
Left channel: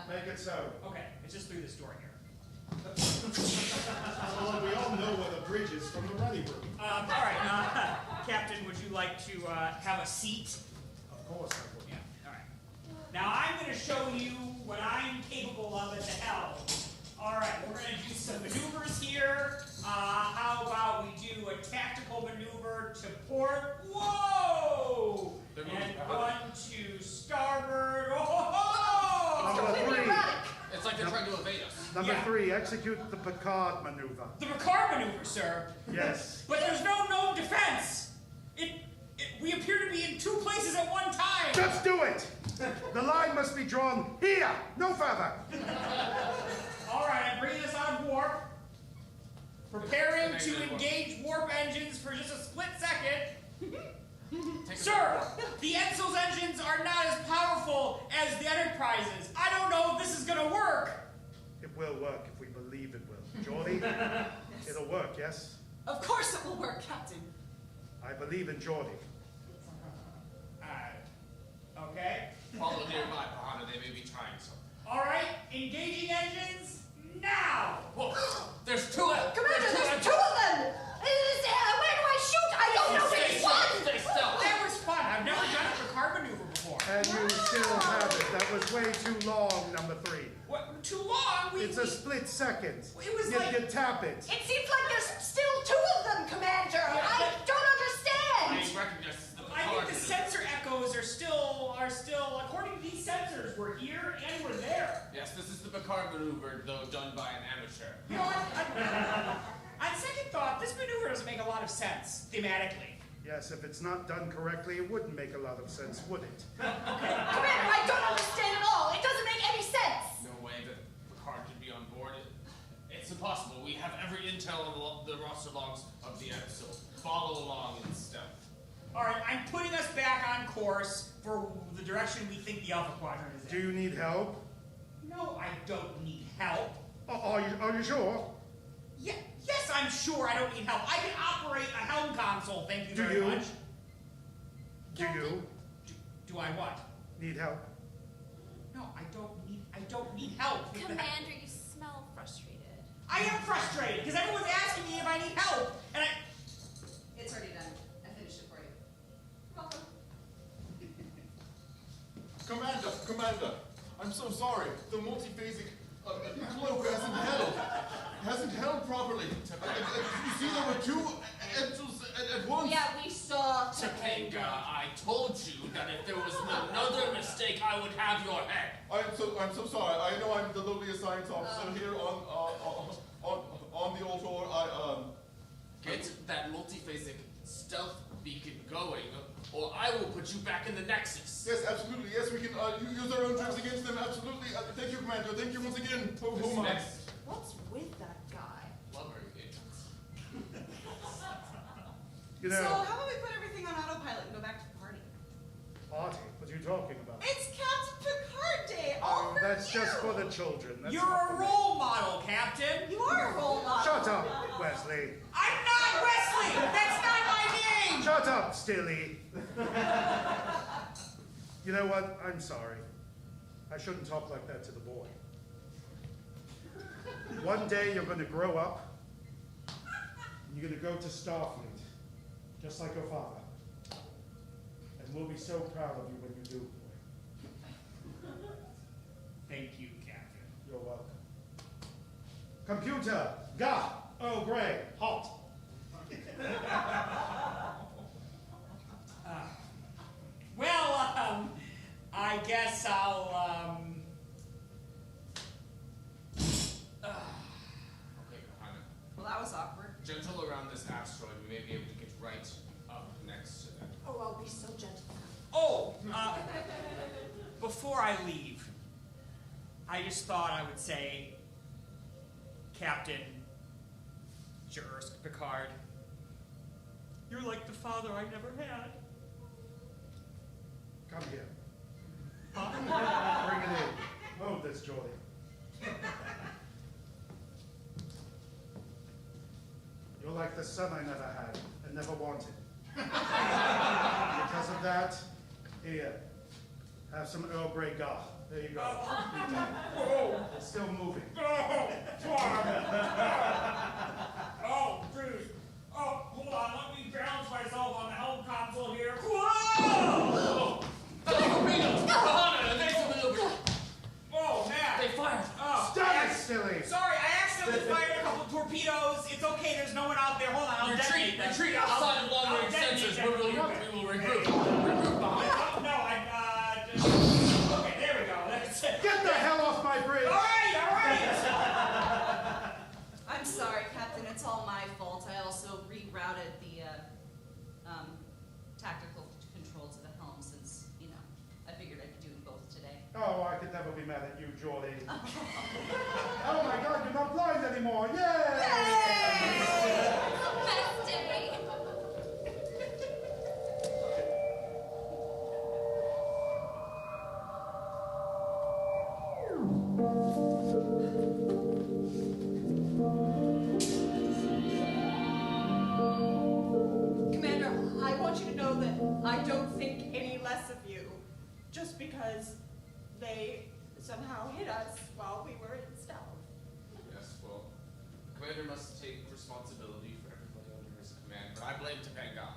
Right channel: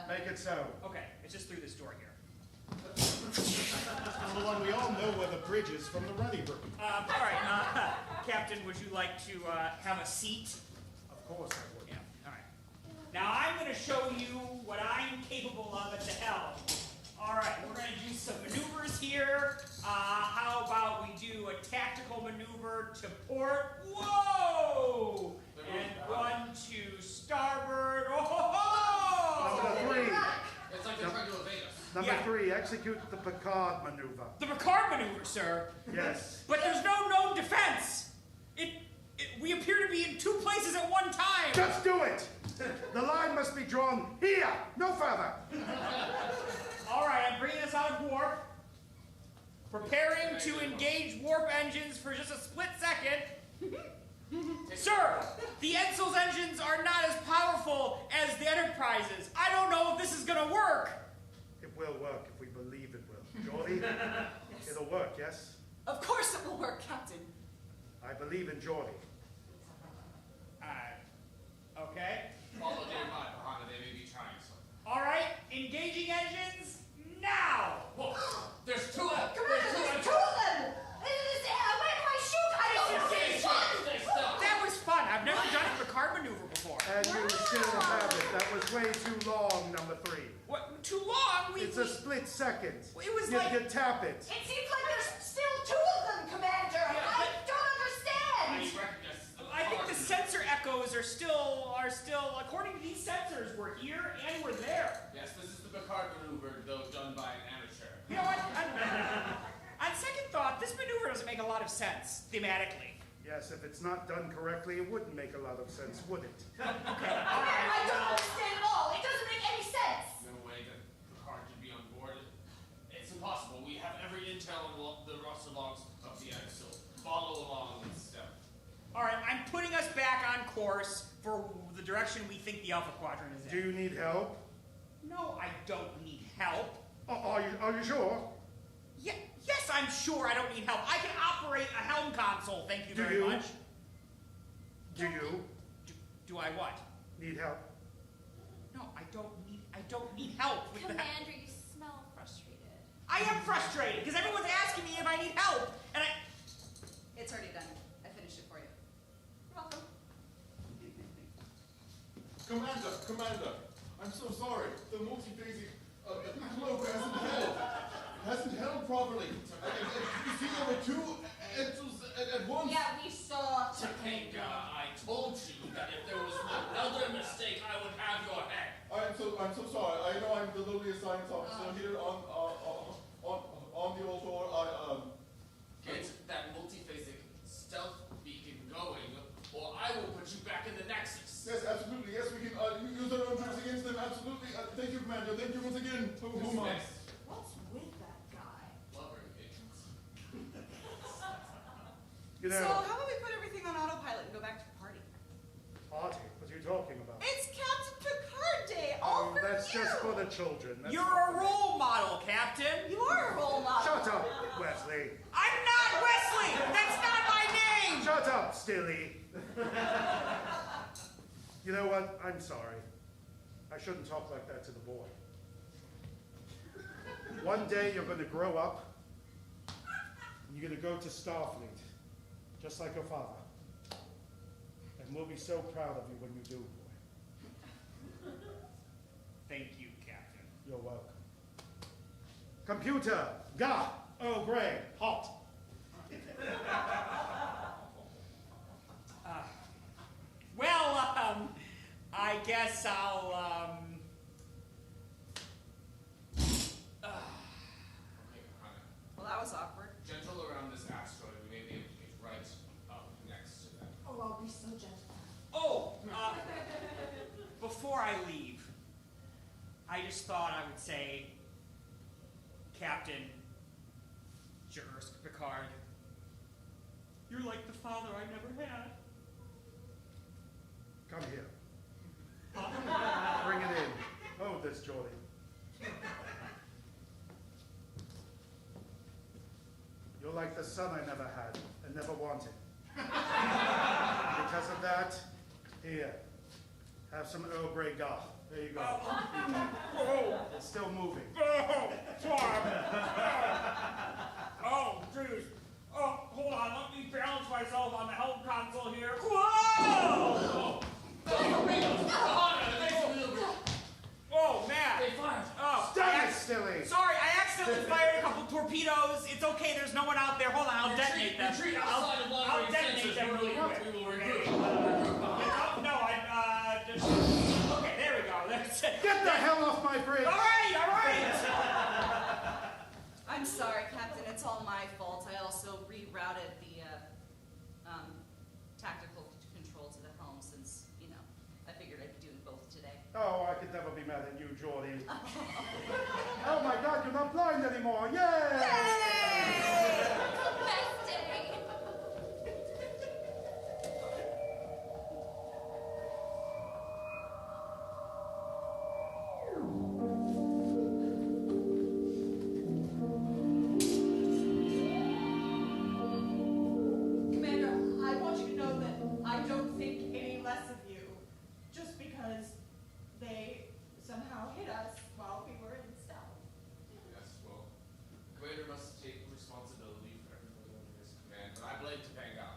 Make it so. Okay, it's just through this door here. Well, we all know where the bridge is from the ready room. All right, Captain, would you like to have a seat? Of course I would. Yeah. All right. Now I'm going to show you what I'm capable of at the helm. All right, we're going to do some maneuvers here. How about we do a tactical maneuver to port? Whoa! And 1 to starboard. Oh! Number 3. It's like they're trying to evade us. Number Yeah. 3, execute the Picard maneuver. The Picard maneuver, sir. Yes. But there's no known defense. We appear to be in 2 places at one time. Just do it! The line must be drawn here, no further. All right, I'm bringing us out of warp. Preparing to engage warp engines for just a split second. Sir, the Edsel's engines are not as powerful as the Enterprise's. I don't know if this is going to work. It will work if we believe it will. Geordie, it'll work, yes? Of course it will work, Captain. I believe in Geordie. Okay. Follow nearby, Bahana. They may be trying something. All right, engaging engines now. Whoa, there's 2 of them. Commander, there's 2 of them! Where do I shoot? I don't know. It's fun! Stay still. That was fun. I've never done a Picard maneuver before. And you still have it. That was way too long, number 3. What? Too long? It's a split second. It was you like- can tap it. It seems like there's still 2 of them, Commander! I don't understand! I recognize I think the sensor echoes are still, according to these sensors, we're here and we're there. Yes, this is the Picard maneuver, though done by an amateur. You know what? On second thought, this maneuver doesn't make a lot of sense, thematically. Yes, if it's not done correctly, it wouldn't make a lot of sense, would it? Okay. Commander, I don't understand at all! It doesn't make any sense! No way that Picard could be on board. It's impossible. We have every intel on the roster logs of the Edsel. Follow along in step. All right, I'm putting us back on course for the direction we think the Alpha Quadrant is Do in. you need help? No, I don't need help. Are you sure? Yeah, yes, I'm sure I don't need help. I can operate a helm console, thank you Do very you? much. Do you Do I what? need help? No, I don't need help. with the help. Commander, you smell frustrated. I am frustrated because everyone's asking me if I need help, and It's already done. I finished it for you. Commander, I'm so sorry. The multiphasic cloak hasn't held properly. You see, there were 2 Edsels at once. Yeah, we saw Topanga, I told you that if there was another mistake, I would have your head. I'm so sorry. I know I'm the lowliest science officer here on the old tour. Get that multiphasic stealth beacon going, or I will put you back in the Nexus. Yes, absolutely. Yes, we can use our own troops against them. Absolutely. Thank you, Commander. Thank you once again. Oh my. What's with that guy? Lover agents. You So know, how about we put everything on autopilot and go back to the party? Artie, what are you talking about? It's Captain Picard Day, all for That's you. just for the children. That's you're not a for me. role model, Captain. You are a role model. Shut up, Wesley. I'm not Wesley. That's not my name. Shut up, Stilly. You know what? I'm sorry. I shouldn't talk like that to the boy. One day you're going to grow up, and you're going to go to Starfleet, just like your father. And we'll be so proud of you when you do, boy. Thank you, Captain. You're welcome. Computer, ga. Oh, Greg, hot. Well, I guess I'll, Okay, Hannah. Well, that was awkward. Gentle around this asteroid. We may be able to get right up next to them. Oh, I'll be so gentle. Oh, before I leave, I just thought I would say, Captain Picard, you're like the father I never had. Come here. Bring it in. Move this, Geordie. You're like the son I never had and never wanted. Because of that, here, Have some Earl Grey Goth. There you go. Oh. It's still moving. Oh, jeez. Oh, hold on. Let me balance myself on the helm console here. Whoa! Oh, man. They fired. Oh, Stop it, silly! Sorry, I accidentally fired a couple torpedoes. It's okay, there's no one out there. Hold on, I'll detonate them. Retreat outside of long range sensors. We will regroup. No, okay, there we go. That's it. Get the hell off my bridge! All right. I'm sorry, Captain. It's all my fault. I also rerouted the tactical control to the helm since, I figured I'd be doing both today. Oh, I could never be mad at you, Geordie. Oh my God, you're not blind anymore! Yay! Best day. Commander, I want you to know that I don't think any less of you, just because they somehow hit us while we were in stealth. Yes, well, Commander must take responsibility for everybody under his command, but I blame Topanga.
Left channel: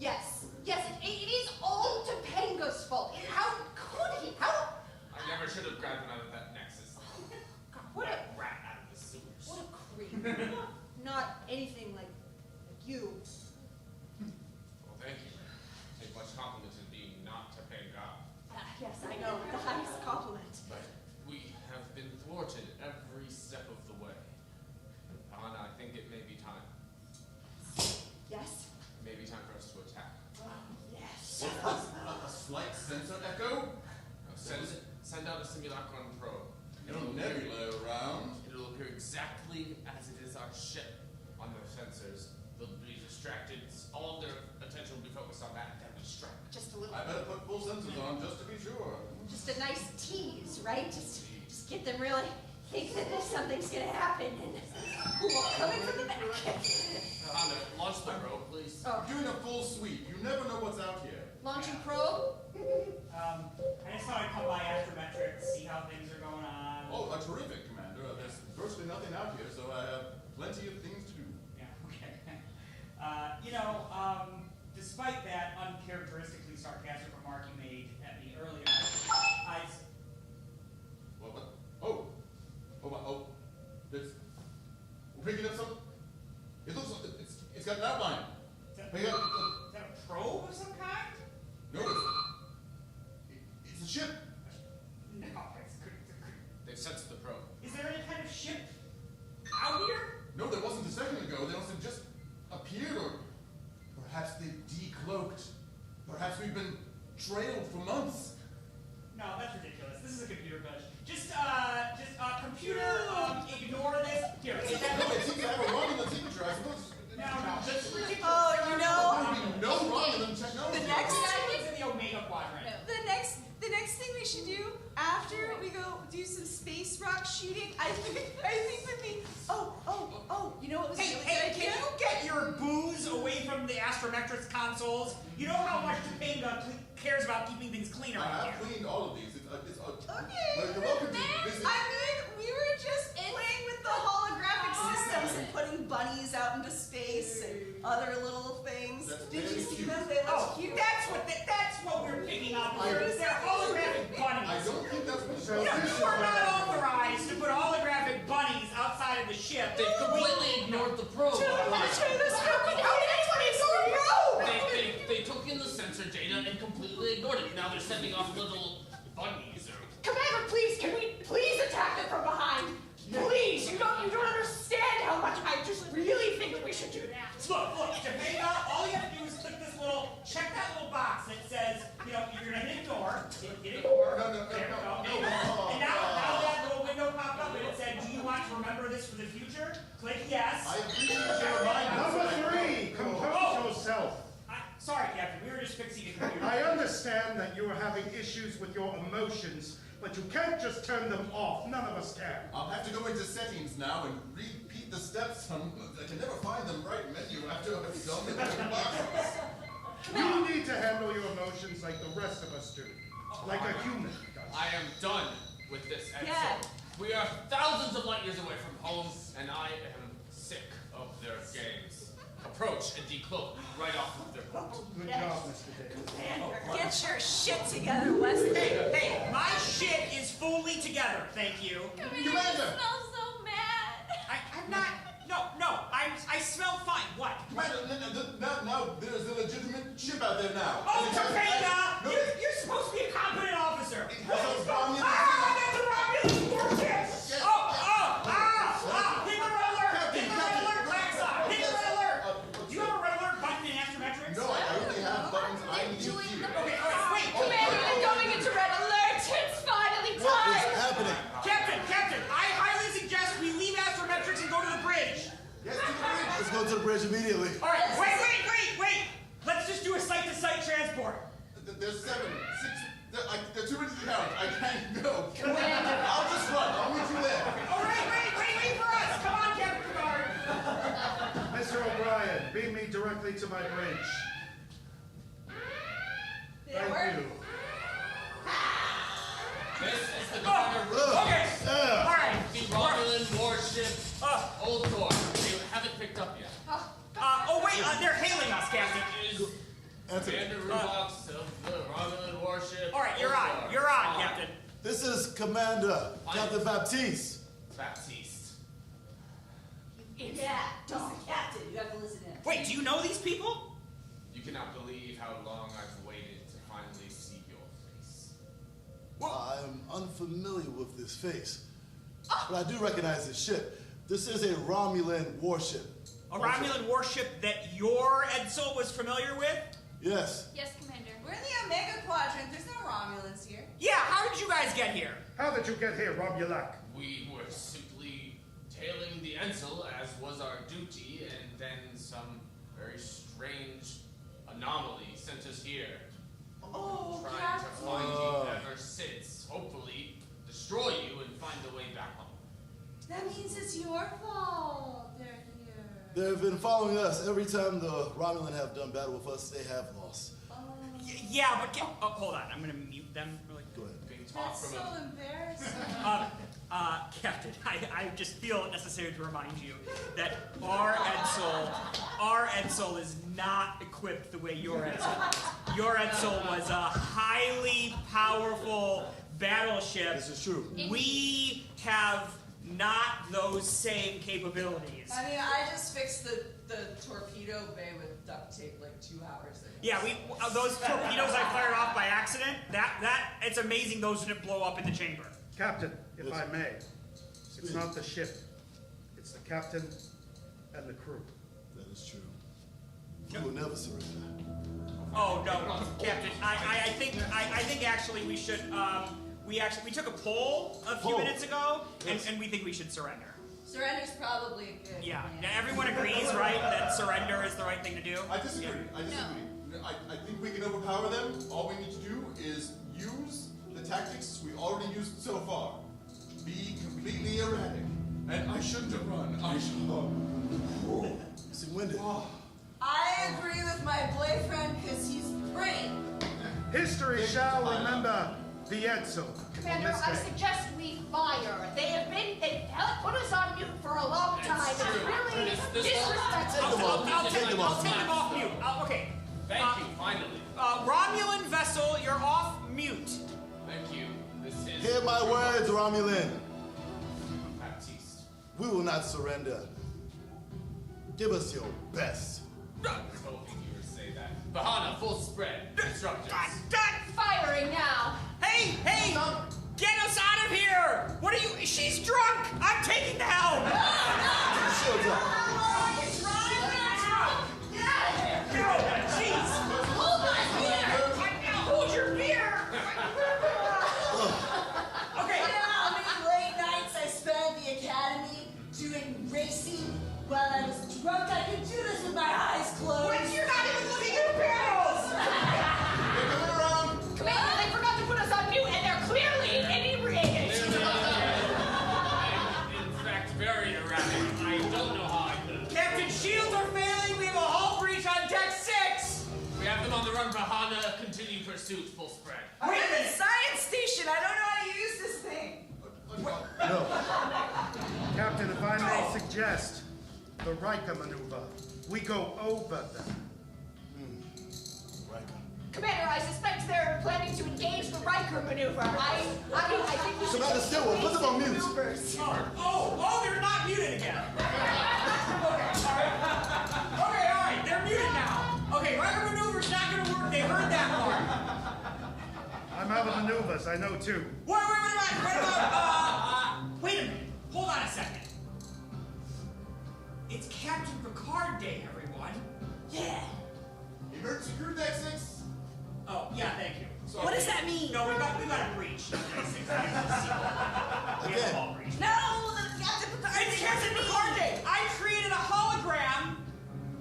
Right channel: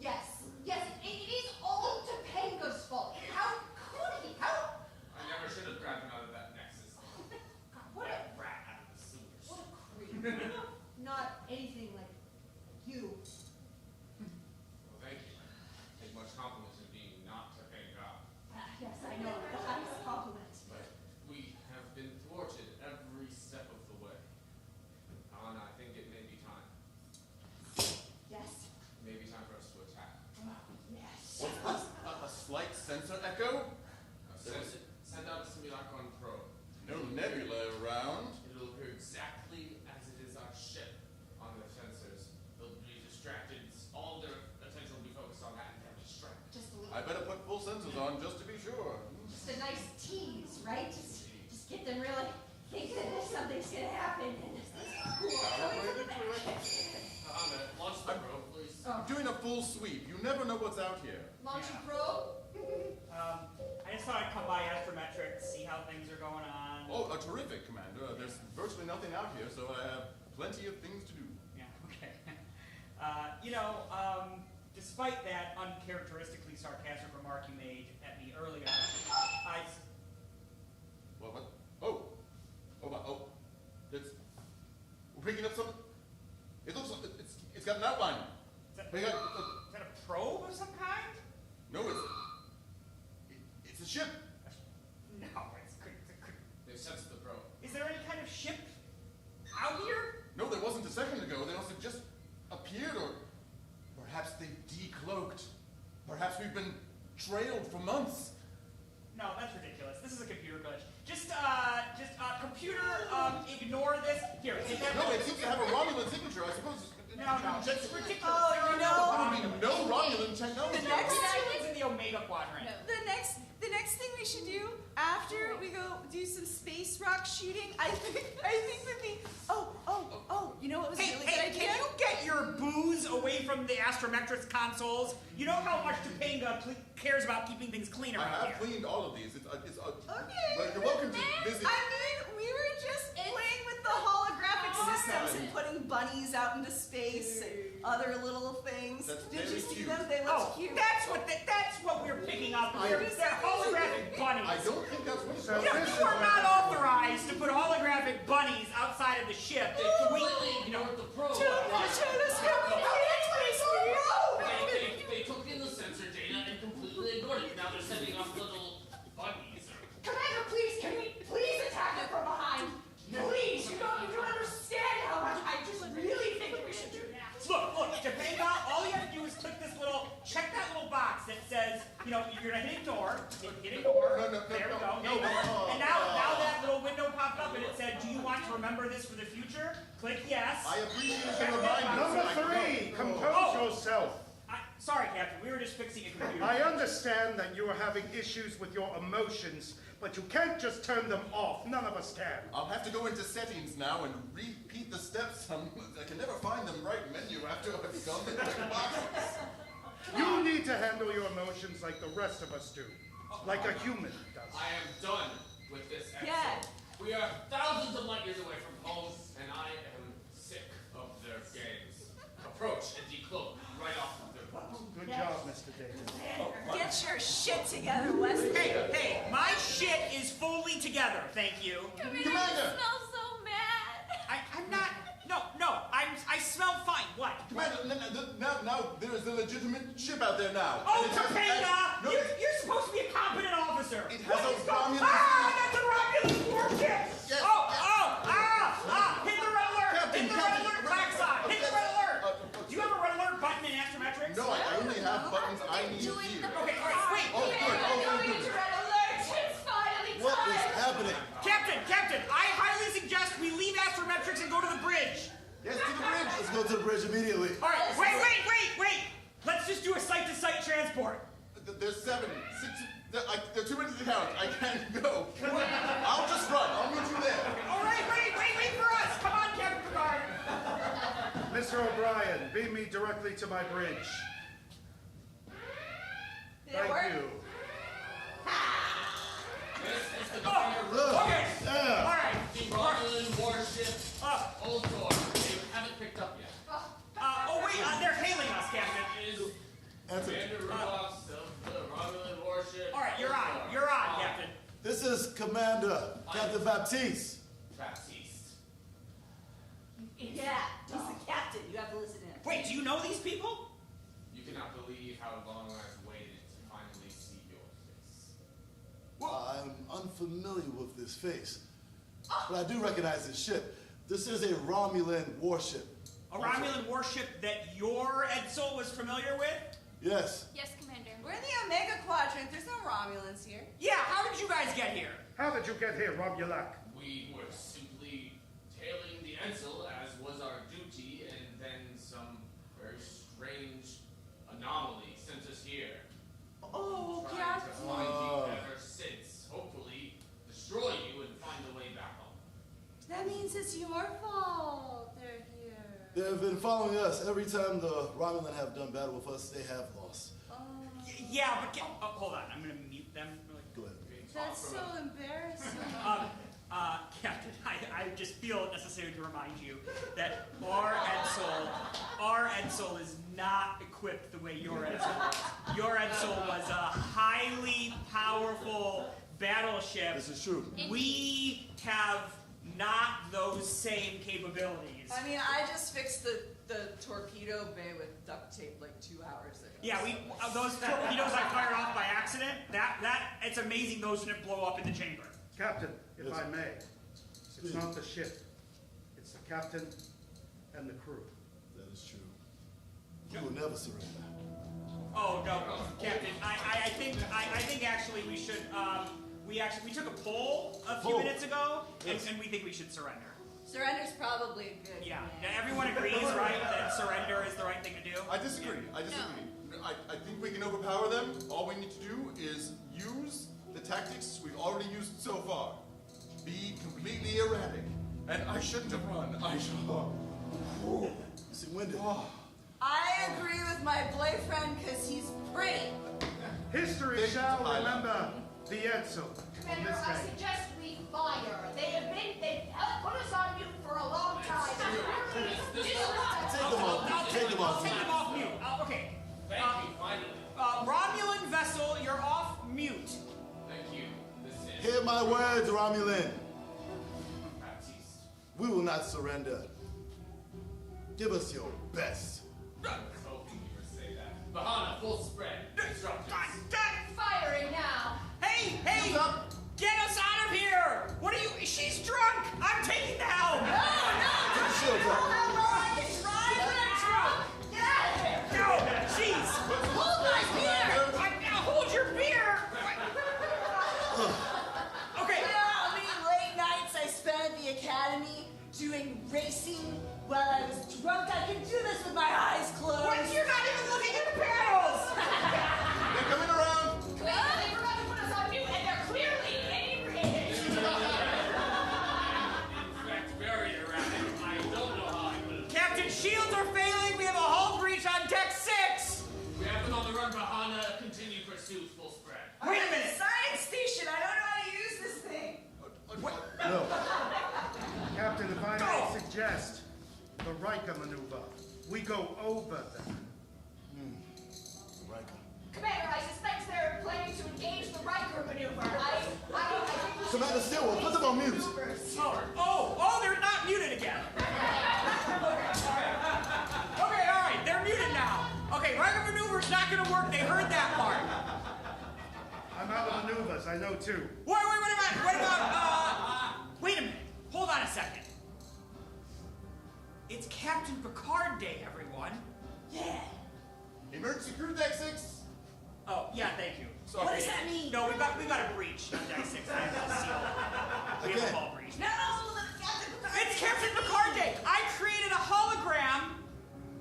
Yes, it is all Topanga's fault. How could he? How? I never should have grabbed him out of that nexus. What a rat out of the sewers. What a creep. Not anything like you. Well, thank you. Take much compliment in being not Topanga. Yes, I know. The highest compliment. But we have been thwarted every step of the way. Anna, I think it may be time. Yes? Maybe time for us to attack. Yes. A slight sensor echo? Now send out a simulacron probe. No nebula around. It'll appear exactly as it is our ship on their sensors. They'll be distracted. All their attention will be focused on that, and then we strike. Just a little. I better put full sensors on just to be sure. Just a nice tease, right? Just get them really think that something's gonna happen and we'll come in from the back. Anna, launch the probe, please. Oh. Doing a full sweep. You never know what's out here. Launching probe? I just thought I'd come by astrometrics, see how things are going on. Oh, terrific, Commander. There's virtually nothing out here, so I have plenty of things to do. Yeah, okay. Despite that uncharacteristically sarcastic remark you made at me earlier, What? Oh, we're picking up some. It's got an outline. Is that a probe of some kind? No, it's a ship. No, They've sensed the probe. is there any kind of ship out here? No, there wasn't a second ago. They must have just appeared, or perhaps they decloaked. Perhaps we've been trailed for months. No, that's ridiculous. This is a computer glitch. Just computer, ignore this. Here, is that? No, it seems to have a Romulan signature, I suppose. No, that's ridiculous. Oh, There are There would be no Romulan The technology. next It's in the Omega Quadrant. The next thing we should do after we go do some space rock shooting, I think would be you know what was a really good idea? Can you get your booze away from the astrometrics consoles? You know how much Topanga cares about keeping things clean I around have here. cleaned all of these. Okay. But you're welcome to visit. We were just playing with the holographic systems and putting bunnies out into space and other little things. That's Did you very see cute. them? They look cute. That's what we're picking up here. They're holographic bunnies. I don't think that's what So You this is are not authorized to put holographic bunnies outside of the ship. They completely ignored the probe. They took in the sensor data and completely ignored it. Now they're sending off little bunnies or. Commander, please, can we please attack them from behind? Please, you don't understand how much I just really think we should do that. Look, Topanga, all you have to do is check that little box that says, you're gonna hit ignore. Hit ignore. No. There we go. And now that little window popped up and it said, do you want to remember this for the future? Click yes. I appreciate your reminder. Number 3, compose yourself. Sorry, Captain, we were just fixing a computer. I understand that you are having issues with your emotions, but you can't just turn them off. None of us can. I'll have to go into settings now and repeat the steps. I can never find the right menu after I've gone into the box. You need to handle your emotions like the rest of us do. like a human does. I am done with this Edsel. Yeah. We are thousands of light years away from home, and I am sick of their games. Approach and decloak right off of their boat. Good job, Mr. Davis. Get your shit together, Wesley. Hey, my shit is fully together, thank you. Commander, you smell so mad. I'm not, no, I smell fine, what? Now there's a legitimate ship out there now. Oh, And it has- Topeka! No, You're supposed to be a competent officer. It has a Romulan. That's a Romulan warship! Yes. Hit the red alert! Hit the red alert backside! Hit the red alert! Do you have a red alert button in astrometrics? No, I only have buttons I need here. Okay, all right, wait. Commander, I'm going into red alert. It's finally time. What is happening? Captain, I highly suggest we leave astrometrics and go to the bridge. Yes, to the bridge. Let's go to the bridge immediately. All right, wait. Let's just do a site-to-site transport. There's 7, 6, there are too many to count. I can't go. Commander. I'll just run. I'll meet you there. All right, wait for us. Come on, Captain Picard. Mr. O'Brien, beam me directly to my bridge. Thank you. This is the commander room. Okay. Yeah. All right. The Romulan warship, Old Core. You haven't picked up yet. They're hailing us, Captain. It is Answer. Commander Rudolph's of the Romulan warship. All right, you're on, Captain. This is Commander Captain Baptiste. Baptiste. Yeah, he's the captain. You have to listen in. Wait, do you know these people? You cannot believe how long I've waited to finally see your face. I'm unfamiliar with this face, but I do recognize this ship. This is a Romulan warship. A Romulan warship that your Edsel was familiar with? Yes. Yes, Commander. We're in the Omega Quadrant. There's no Romulans here. Yeah, how did you guys get here? How did you get here, Romulak? We were simply tailing the Edsel, as was our duty, and then some very strange anomaly sent us here. Oh, Trying to find you ever since. Hopefully, destroy you and find a way back home. That means it's your fault they're here. They've been following us. Every time the Romulan have done battle with us, they have lost. Yeah, but hold on. I'm gonna mute them. Go ahead. We can talk That's from so a- embarrassing. Captain, I just feel it necessary to remind you that our Edsel is not equipped the way your Edsel was. Your Edsel was a highly powerful battleship. This is true. We have not those same capabilities. I mean, I just fixed the torpedo bay with duct tape like 2 hours ago. Yeah, those torpedoes I fired off by accident, it's amazing those didn't blow up in the chamber. Captain, if Yes. I may, it's not the ship. It's the captain and the crew. That is true. You will never surrender. Oh no, Captain. I think actually we should we took a poll a few minutes ago, Yes. and we think we should surrender. Surrender's probably a good Yeah. plan. Now, everyone agrees, right, that surrender is the right thing to do? I disagree. I think we can overpower them. All we need to do is use the tactics we've already used so far. Be completely erratic. And I shouldn't have run. I should have. See, winded. I agree with my boyfriend because he's pretty. History shall remember the Edsel on Commander, this I day. suggest we fire. They've put us on mute for a long time. It's really disrespectful. I'll take them off off mute. Okay. Thank you, finally. Romulan vessel, you're off mute. Thank you. This is Hear my words, Romulan. Baptiste. We will not surrender. Give us your best. I was hoping you would say that. Bahana, full spread. Instructors. Firing now. Hey! Get us out of here! What are you? She's drunk! I'm taking the helm! Get the shields up. Get out of here. Go! Jeez! Hold my beer. Now hold your beer! Okay. You know how many late nights I spent at the academy doing racing while I was drunk? I can do this with my eyes closed. Wait, you're not even looking at your panels! They're coming around. Commander, they forgot to put us on mute, and they're clearly inebriated. In fact, very erratic. I don't know how I No. Captain, if I may suggest the Riker maneuver, we go over them. Riker. Commander, I suspect they're planning to engage the Riker maneuver. I think we should... Commander Stillwell, put them on mute. maneuvers. Oh, they're not muted again. Okay, all right, they're muted now. Okay, Riker maneuver's not gonna work. They heard that part. I'm out of maneuvers, I know too. Wait a minute. What about, wait a minute. Hold on a second. It's Captain Picard Day, everyone. Yeah. Emergency crew deck 6. Oh, yeah, thank you. Sorry. What does that mean? No, we got a breach. We have a hull breach. No, the Captain Picard. It's Captain Picard Day. I created a hologram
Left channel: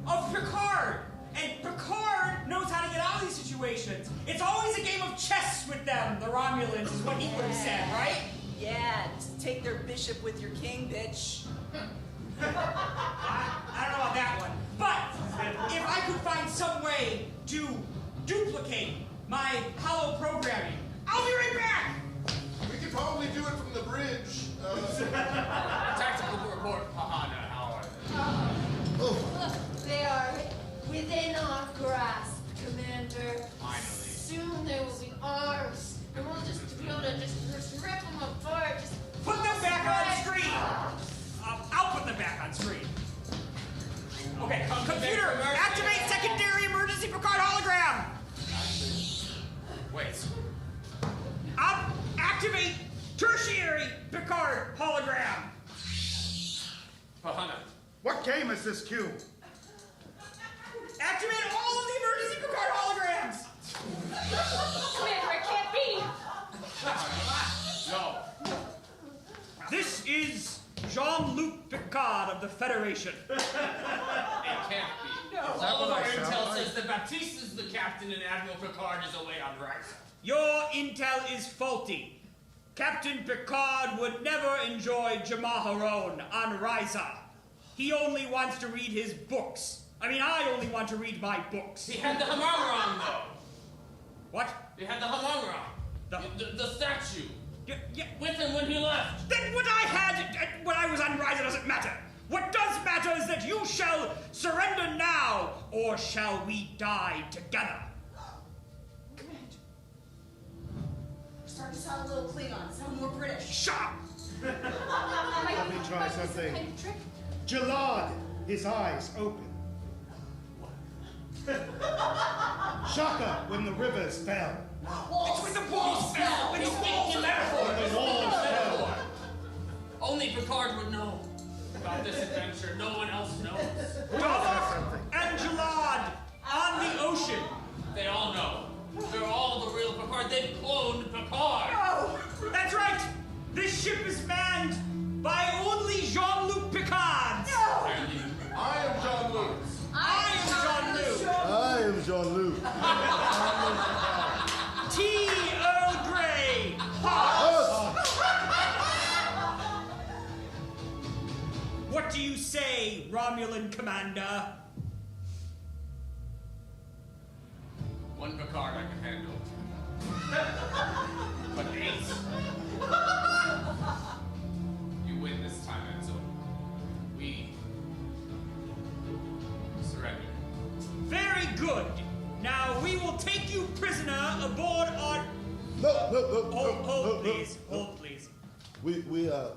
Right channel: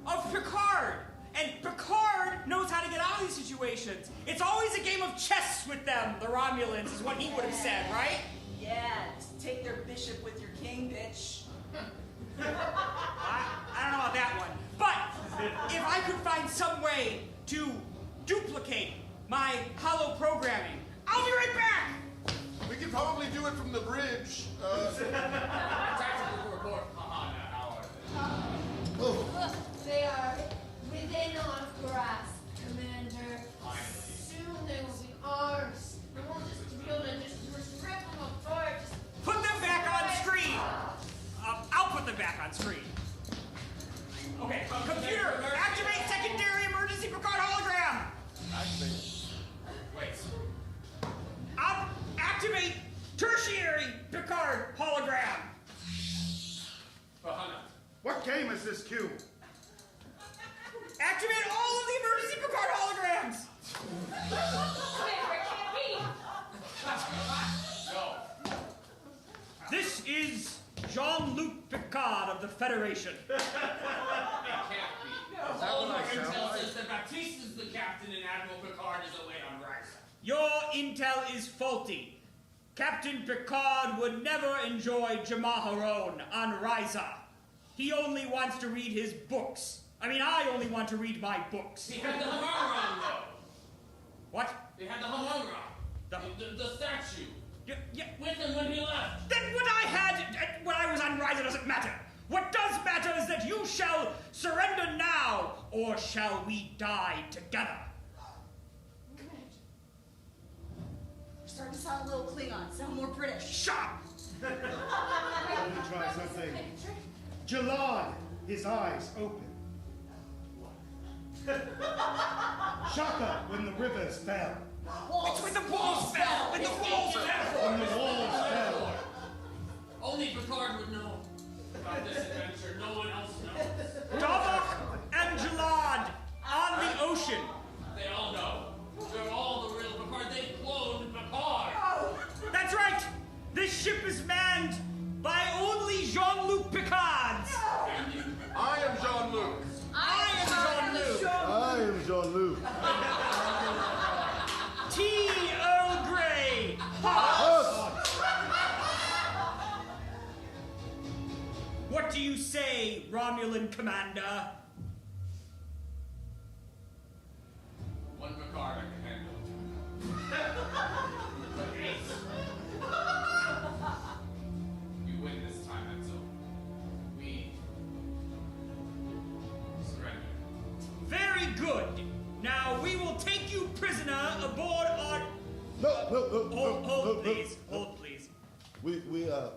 of Picard. And Picard knows how to get out of these situations. It's always a game of chess with them, the Romulans, is what he would have said, right? Yeah, just take their bishop with your king, bitch. I don't know about that one. But if I could find some way to duplicate my hollow programming, I'll be right back! We could probably do it from the bridge. Tactical report. Haha, not how are they? Oh. They are within our grasp, Commander. Soon they will be ours, and we'll just be able to just rip them apart. Just Put them back on screen! I'll put them back on screen. Okay, computer, activate secondary emergency Picard hologram! Wait. Activate tertiary Picard hologram! Bahana. What game is this cube? Activate all of the emergency Picard holograms! Commander, it can't be. No. This is Jean-Luc Picard of the Federation. It can't be. No. All of our intel says that Baptiste is the captain and Admiral Picard is away on Riker. Your intel is faulty. Captain Picard would never enjoy Jamaharon on Ryza. He only wants to read his books. I only want to read my books. He had the Hamangron, though. What? He had the Hamangron. The statue. Yeah. With him when he left. Then what I had when I was on Ryza doesn't matter. What does matter is that you shall surrender now, or shall we die together? You're starting to sound a little Klingon, sound more British. Shut up! Let me try something. Jalad, his eyes open. Shaka, when the rivers fell. It's when the walls fell! When the walls fell! When the walls fell. Only Picard would know about this adventure. No one else knows. Davok and Jalad on the ocean. They all know. They're all the real Picard. They've cloned Picard. That's right! This ship is manned by only Jean-Luc Picard! I am Jean-Luc. I am Jean-Luc! I am Jean-Luc. T. Earl Grey! What do you say, Romulan Commander? One Picard I can handle it. But Ace. You win this time, Edsel. We surrender. Very good. Now we will take you prisoner aboard on... No. Hold, please. Hold, please. We are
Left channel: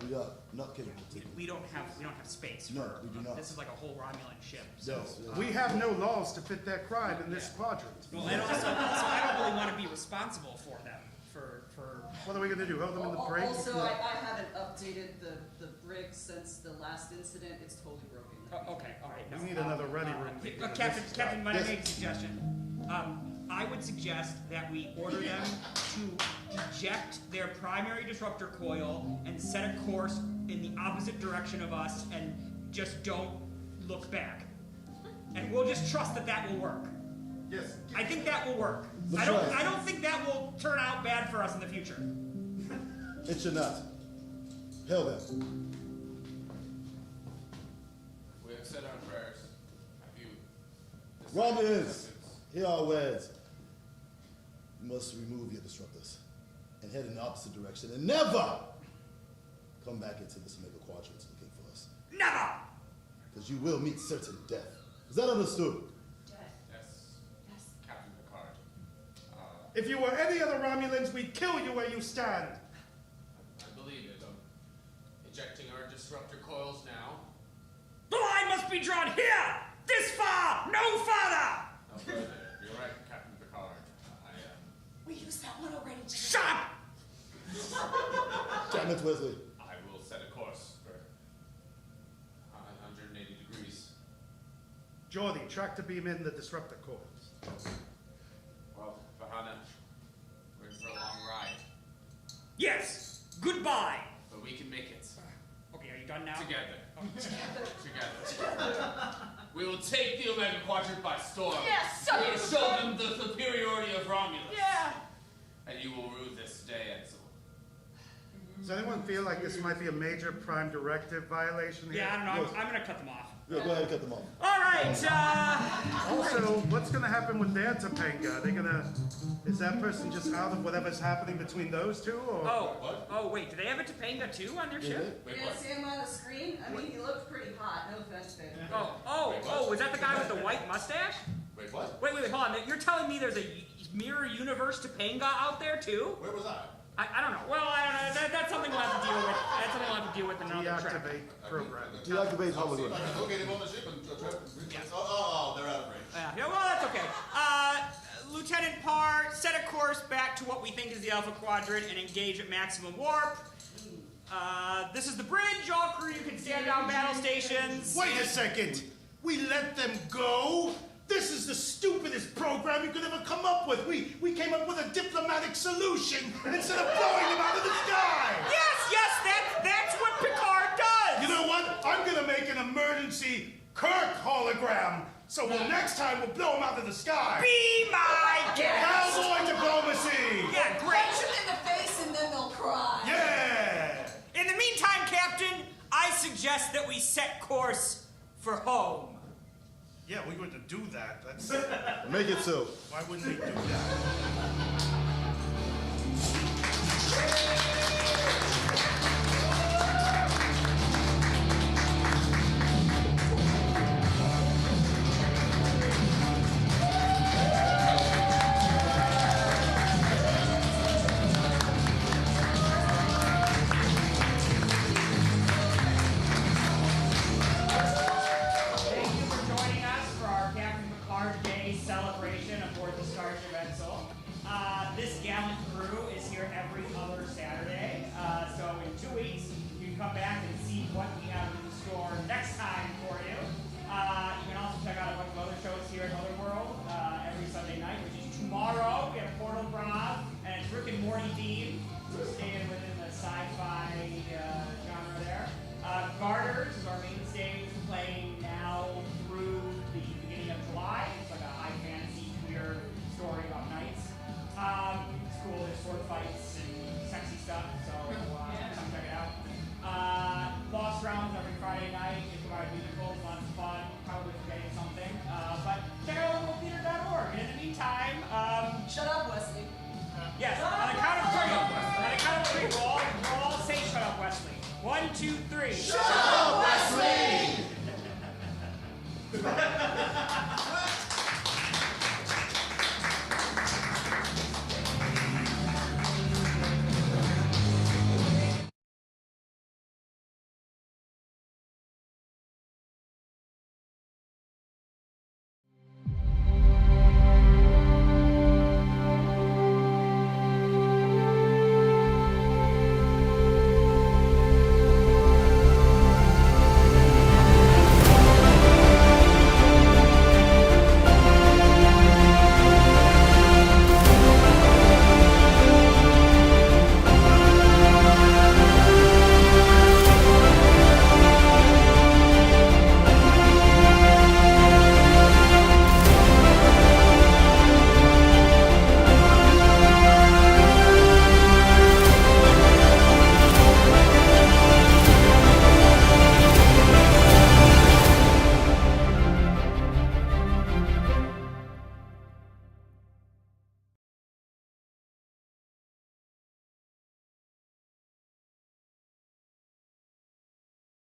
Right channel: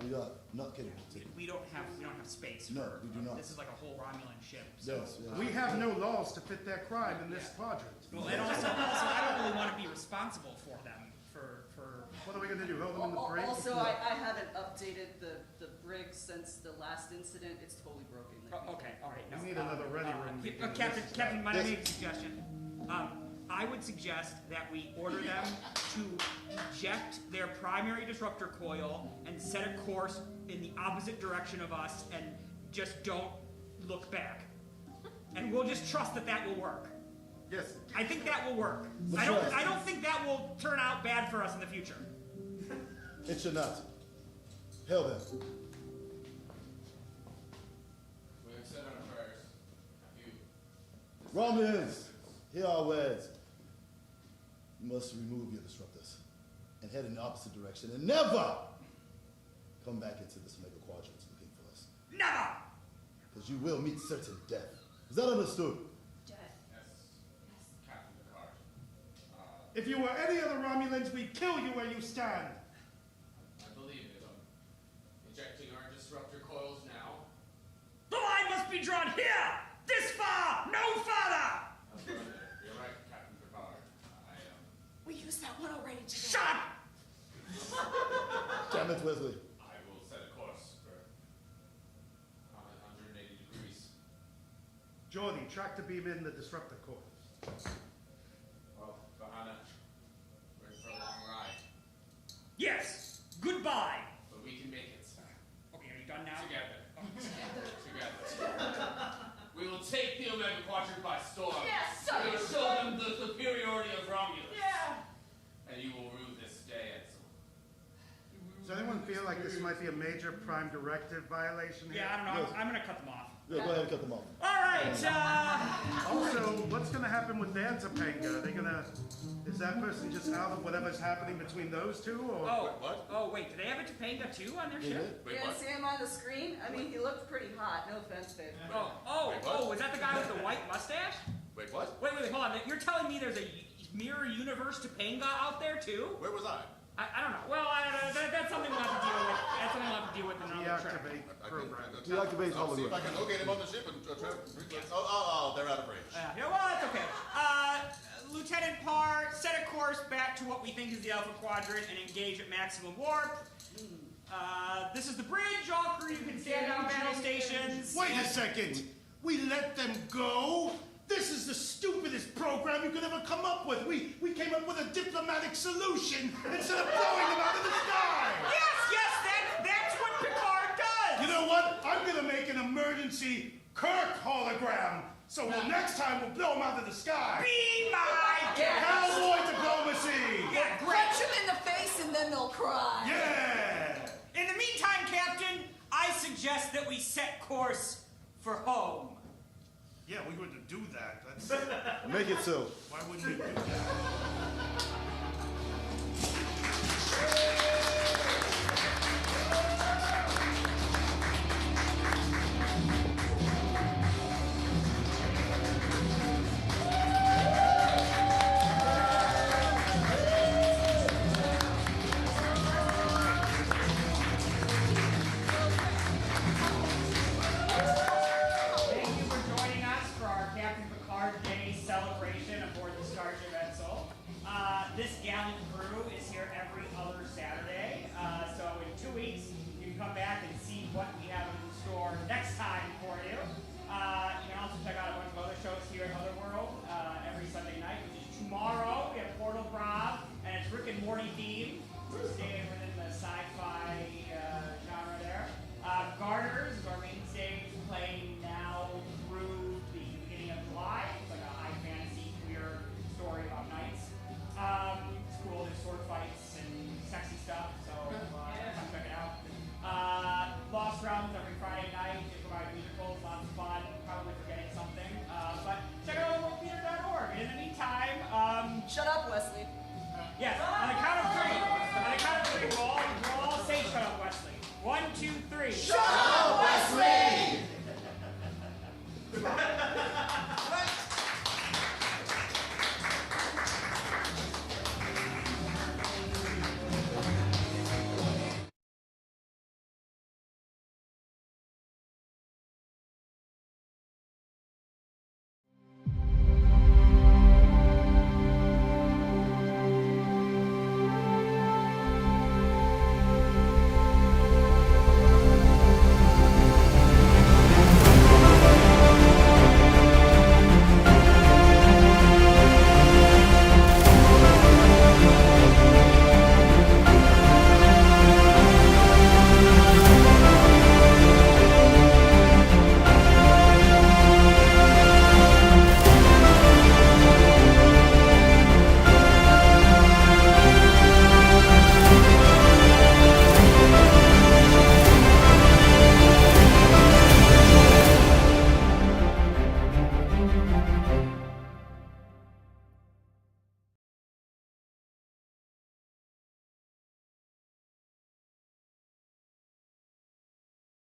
not capable of taking. We don't have space. No, we do not. This is like a whole Romulan ship. So. Yes. We have no laws to fit that crime in this quadrant. And also, I don't really want to be responsible for them. For What are we going to do? Hold them in the brig? Also, I haven't updated the brig since the last incident. It's totally broken. Okay, all right. No. We need another ready room meeting. Captain, might I Yes. make a suggestion? I would suggest that we order them to eject their primary disruptor coil and set a course in the opposite direction of us and just don't look back. And we'll just trust that that will work. Yes. I think that will work. Let's I try. don't think that will turn out bad for us in the future. It should not. Hell then. We have said our prayers. Have you? Romulans, hear our words. You must remove your disruptors and head in the opposite direction and never come back into this mega quadrants looking for us. Never! Because you will meet certain death. Is that understood? Yes, Captain Picard. If you were any other Romulans, we'd kill you where you stand. I believe it. Ejecting our disruptor coils now. The line must be drawn here! This far! No further! You're right, Captain Picard. We used that one already. Shut up! Damn it, Wesley. I will set a course for 180 degrees. Geordie, tractor beam in the disruptor coils. Well, Bahana, we're in for a long ride. Yes! Goodbye! But we can make it. Okay, are you done now? Together. Together. We will take the Omega Quadrant by storm. Yes, We will show them the superiority of Romulus. Yeah. And you will rue this day, Edsel. Does anyone feel like this might be a major prime directive violation here? Yeah, I don't know. Yes. I'm gonna cut them off. Yeah, go ahead and cut them off. Alright, Also, what's going to happen with their Topanga? Are they going to... Is that person just out of whatever's happening between those two, or... Oh, wait, do they have a Topanga too on their Mhm. ship? Wait, You what? didn't see him on the screen? I mean, he looked pretty hot. No offense, babe. Was that the guy with the white mustache? Wait, what? Wait, hold on. You're telling me there's a mirror universe Topanga out there too? Where was I? I don't know. Well, that's something we'll have to deal with. That's something we'll have to deal with in another track. Deactivate program. Deactivate I'll see if I hologram. can locate him on the ship and try to... Oh, they're out of range. Yeah, well, that's okay. Lieutenant Parr, set a course back to what we think is the Alpha Quadrant and engage at maximum warp. This is the bridge. All crew, you can stand down battle stations. Wait a second! We let them go? This is the stupidest program you could ever come up with. We came up with a diplomatic solution instead of throwing them out of the sky! Yes, that's what Picard does! You know what? I'm gonna make an emergency Kirk hologram. So next time we'll blow them out of the sky. Be my guest! Cowboy diplomacy! Yeah, great. Punch them in the face and then they'll cry. Yeah! In the meantime, Captain, I suggest that we set course for home. Yeah, we were to do that. That's... Make it so. Why wouldn't we do that? Thank you for joining us for our Captain Picard Day celebration aboard the Starship Edsel. This gallant crew is here every other Saturday, so in 2 weeks you can come back and see what we have in store next time for you. You can also check out a bunch of other shows here at Otherworld every Sunday night, which is tomorrow. We have Portal Prob, and it's Rick and Morty themed, so staying within the sci-fi genre there. Garters is our main stage, playing now through the beginning of July. It's like a high fantasy queer story about knights. It's cool, there's sword fights and sexy stuff, so come check it out. Lost Realms every Friday night, improvised musicals, lots of fun, probably forgetting something. But check out otherworldthtre.org. And in the meantime, Shut up, Wesley. yes, on the count of three, we'll all say shut up, Wesley. 1, 2, 3. Shut up, Wesley!